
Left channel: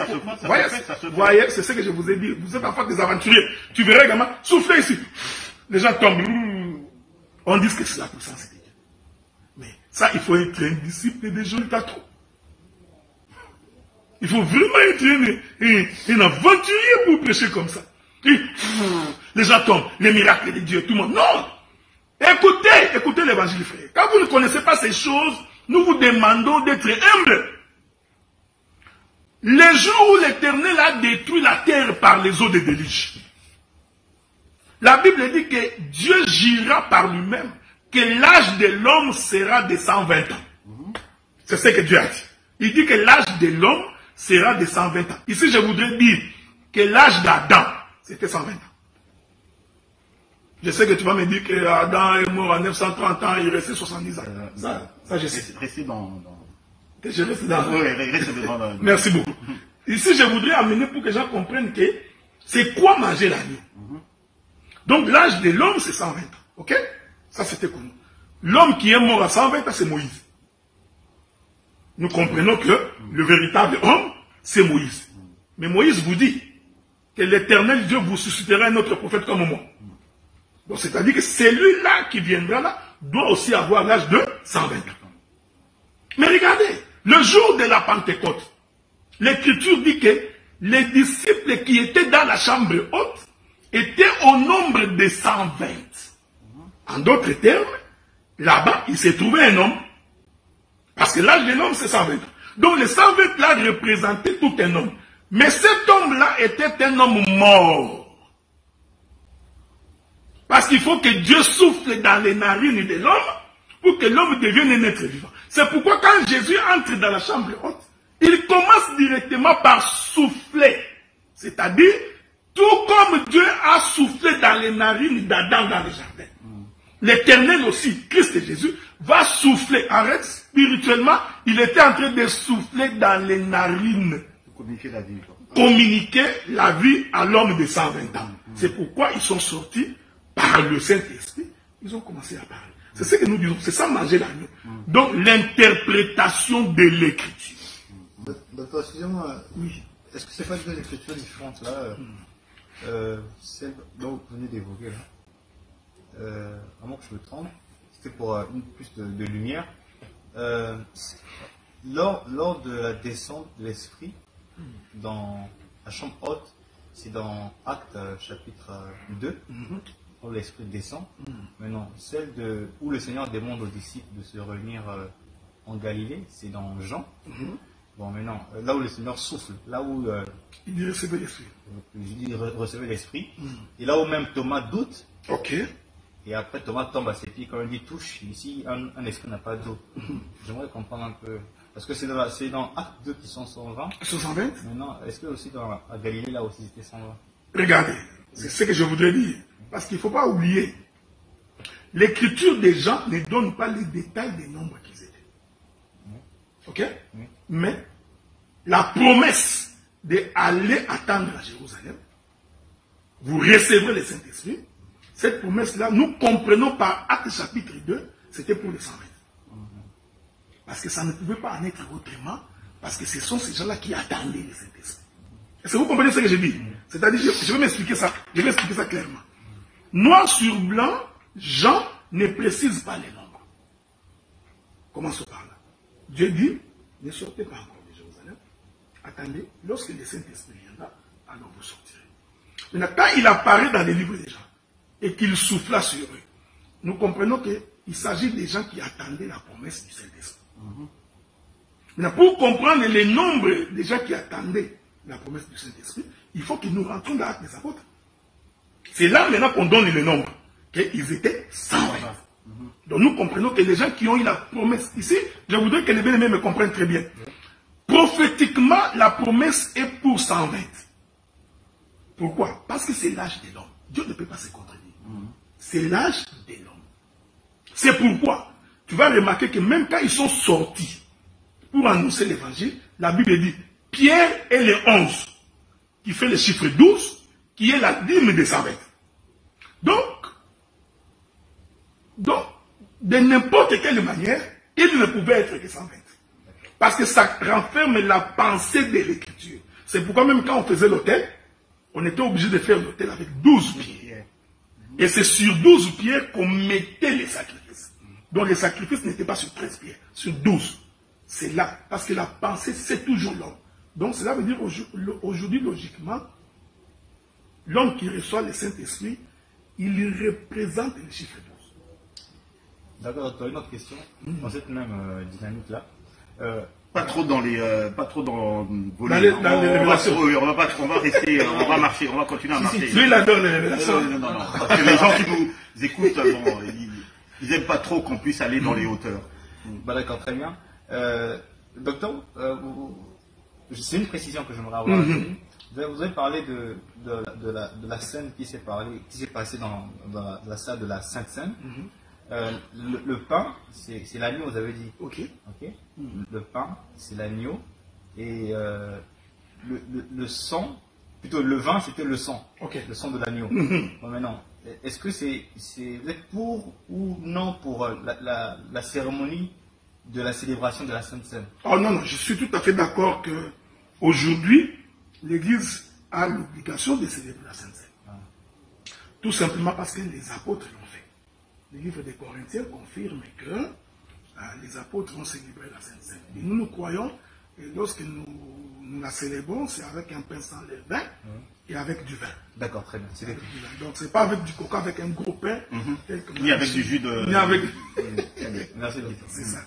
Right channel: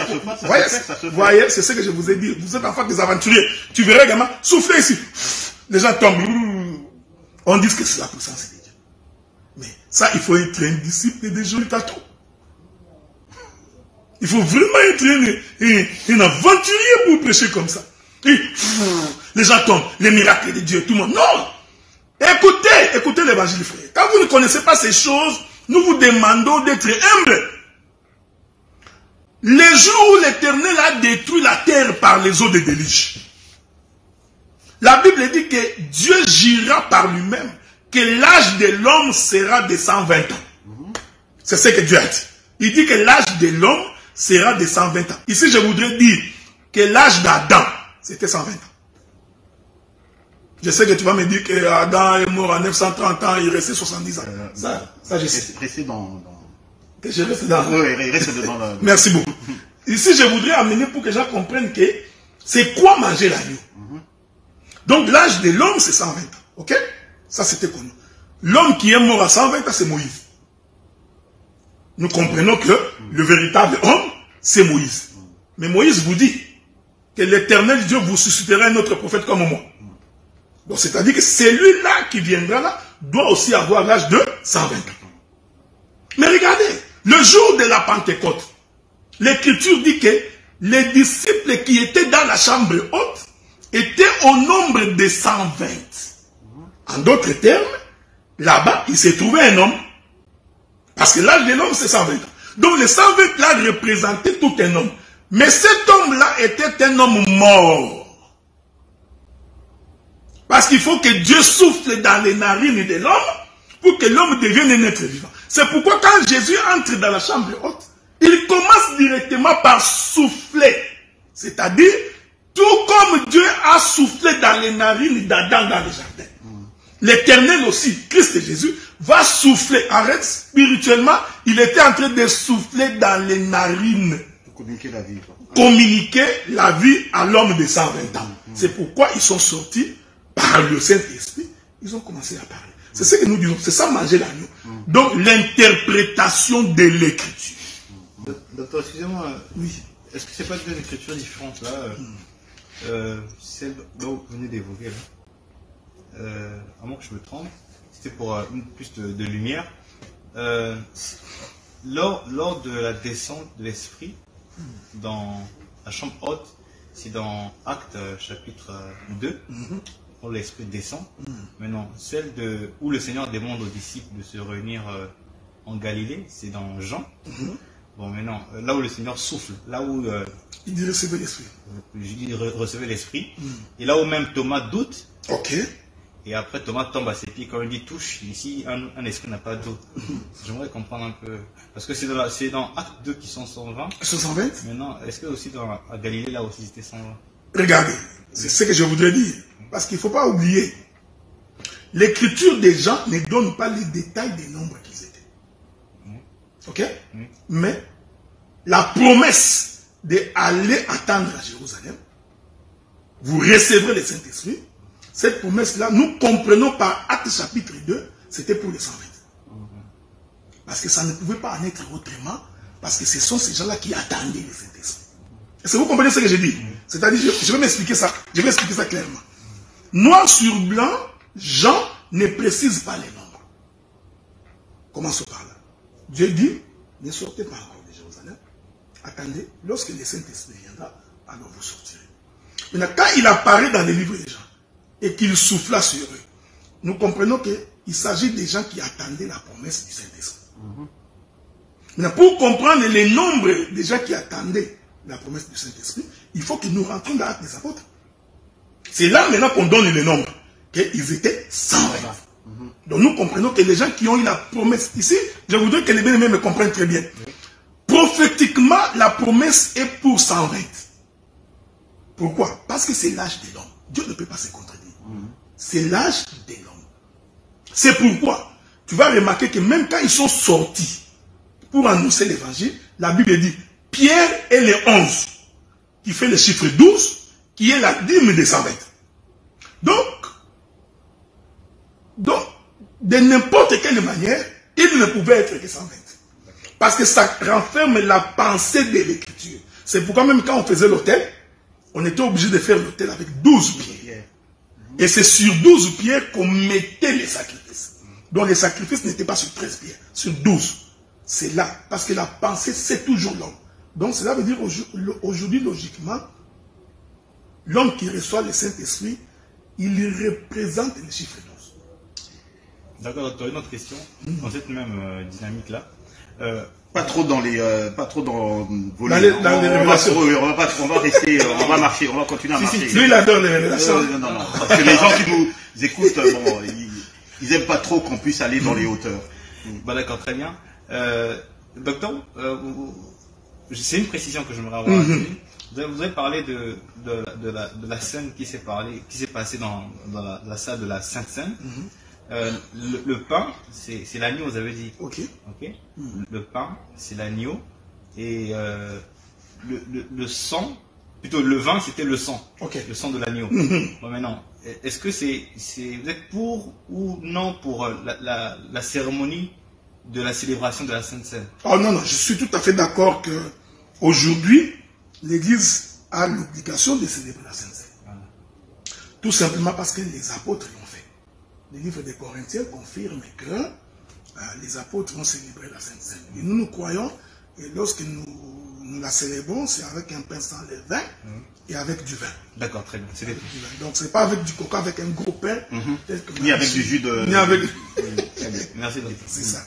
vous voyez, c'est ce que je vous ai dit, vous êtes enfant des aventuriers, tu verras également, soufflez ici, les gens tombent, on dit que c'est la puissance de Dieu. Mais ça, il faut être un disciple de Jésus Cato. Il faut vraiment être un aventurier pour prêcher comme ça. Et, les gens tombent, les miracles de Dieu, tout le monde. Non! Écoutez l'évangile, frère. Quand vous ne connaissez pas ces choses, nous vous demandons d'être humbles. Le jour où l'Éternel a détruit la terre par les eaux de déluge, la Bible dit que Dieu jura par lui-même que l'âge de l'homme sera de 120 ans. C'est ce que Dieu a dit. Il dit que l'âge de l'homme sera de 120 ans. Ici, je voudrais dire que l'âge d'Adam, c'était 120 ans. Je sais que tu vas me dire que Adam est mort à 930 ans, il restait 70 ans. Ça je sais. Restez dans... Je reste dans... Oui, restez dans... Merci beaucoup. Ici, je voudrais amener pour que les gens comprennent que c'est quoi manger l'agneau. Donc, l'âge de l'homme, c'est 120 ans. Ok? Ça, c'était connu. L'homme qui est mort à 120 ans, c'est Moïse. Nous comprenons que le véritable homme, c'est Moïse. Mais Moïse vous dit que l'Éternel Dieu vous suscitera un autre prophète comme moi. Donc, c'est-à-dire que celui-là qui viendra là doit aussi avoir l'âge de 120 ans. Mais regardez, le jour de la Pentecôte, l'Écriture dit que les disciples qui étaient dans la chambre haute étaient au nombre de 120. En d'autres termes, là-bas, il s'est trouvé un homme. Parce que l'âge de l'homme, c'est 120 ans. Donc, les 120 là représentaient tout un homme. Mais cet homme-là était un homme mort. Parce qu'il faut que Dieu souffle dans les narines de l'homme pour que l'homme devienne un être vivant. C'est pourquoi quand Jésus entre dans la chambre haute, il commence directement par souffler. C'est-à-dire, tout comme Dieu a soufflé dans les narines d'Adam dans le jardin. L'Éternel aussi, Christ et Jésus, va souffler. Arrête, spirituellement, il était en train de souffler dans les narines. Pour communiquer la vie. Communiquer la vie à l'homme de 120 ans. C'est pourquoi ils sont sortis par le Saint-Esprit. Ils ont commencé à parler. C'est ce que nous disons. C'est ça manger l'agneau. Donc, l'interprétation de l'Écriture. Docteur, excusez-moi. Oui. Est-ce que ce n'est pas deux écritures différentes là celle dont vous venez d'évoquer là. à moins que je me trompe, c'était pour plus de lumière. Lors de la descente de l'esprit dans la chambre haute, c'est dans Actes chapitre 2, où l'esprit descend. Maintenant, celle où le Seigneur demande aux disciples de se réunir en Galilée, c'est dans Jean. Bon, maintenant, là où le Seigneur souffle, là où il dit recevoir l'esprit. Il recevait l'esprit. Et là où même Thomas doute. Ok. Et après, Thomas tombe à ses pieds quand il dit touche. Ici, un esprit n'a pas d'eau. J'aimerais comprendre un peu. Parce que c'est dans Acte 2 qui sont 120. 120. Maintenant, est-ce que aussi à Galilée, là aussi, c'était 120? Regardez, c'est ce que je voudrais dire. Parce qu'il ne faut pas oublier. L'écriture des gens ne donne pas les détails des nombres qu'ils étaient. Ok? Mais la promesse d'aller attendre à Jérusalem, vous recevrez le Saint-Esprit. Cette promesse-là, nous comprenons par Acte chapitre 2, c'était pour les 120. Parce que ça ne pouvait pas en être autrement, parce que ce sont ces gens-là qui attendaient le Saint-Esprit. Est-ce que vous comprenez ce que je dis? C'est-à-dire, je vais m'expliquer ça, clairement. Noir sur blanc, Jean ne précise pas les nombres. Commençons par là. Dieu dit, ne sortez pas encore de Jérusalem. Attendez, lorsque le Saint-Esprit viendra, alors vous sortirez. Maintenant, quand il apparaît dans les livres des gens, et qu'il souffla sur eux, nous comprenons qu'il s'agit des gens qui attendaient la promesse du Saint-Esprit. Maintenant, pour comprendre les nombres des gens qui attendaient la promesse du Saint-Esprit, il faut que nous rentrions dans l'Acte des Apôtres. C'est là maintenant qu'on donne les nombres, qu'ils étaient 120. Donc nous comprenons que les gens qui ont eu la promesse ici, je voudrais que les bien-aimés me comprennent très bien. Prophétiquement, la promesse est pour 120. Pourquoi? Parce que c'est l'âge de l'homme. Dieu ne peut pas se contredire. C'est l'âge de l'homme. C'est pourquoi tu vas remarquer que même quand ils sont sortis pour annoncer l'évangile, la Bible dit Pierre est le 11, qui fait le chiffre 12, qui est la dîme des 120. Donc, de n'importe quelle manière, il ne pouvait être que 120. Parce que ça renferme la pensée de l'écriture. C'est pourquoi même quand on faisait l'autel, on était obligé de faire l'autel avec 12 pierres. Et c'est sur 12 pierres qu'on mettait les sacrifices. Donc les sacrifices n'étaient pas sur 13 pierres, sur 12. C'est là, parce que la pensée, c'est toujours l'homme. Donc cela veut dire aujourd'hui, logiquement, l'homme qui reçoit le Saint-Esprit, il représente le chiffre 12. D'accord, tu as une autre question dans cette même dynamique-là. Pas trop dans les on va rester, on va marcher, on va continuer à marcher. Lui, il adore les révélations. Non. Parce que les gens qui nous écoutent, bon, ils n'aiment pas trop qu'on puisse aller dans les hauteurs. Bah d'accord, très bien. Docteur, c'est une précision que j'aimerais avoir. Vous avez parlé de la scène qui s'est passée dans la salle de la Sainte Seine. Le pain, c'est l'agneau, vous avez dit. Ok. Le pain, c'est l'agneau. Et le sang, plutôt le vin, c'était le sang. Le sang de l'agneau. Bon, maintenant, est-ce que vous êtes pour ou non pour la cérémonie de la célébration de la Sainte Seine? Oh non, je suis tout à fait d'accord qu'aujourd'hui, l'Église a l'obligation de célébrer la Sainte Seine. Tout simplement parce que les apôtres l'ont fait. Le livre des Corinthiens confirme que les apôtres ont célébré la Sainte Seine. Et nous croyons, et lorsque nous la célébrons, c'est avec un pain sans levain et avec du vin. D'accord, très bien. Donc ce n'est pas avec du coca, avec un gros pain. Ni avec du jus de... Ni avec... Très bien. Merci beaucoup. C'est ça.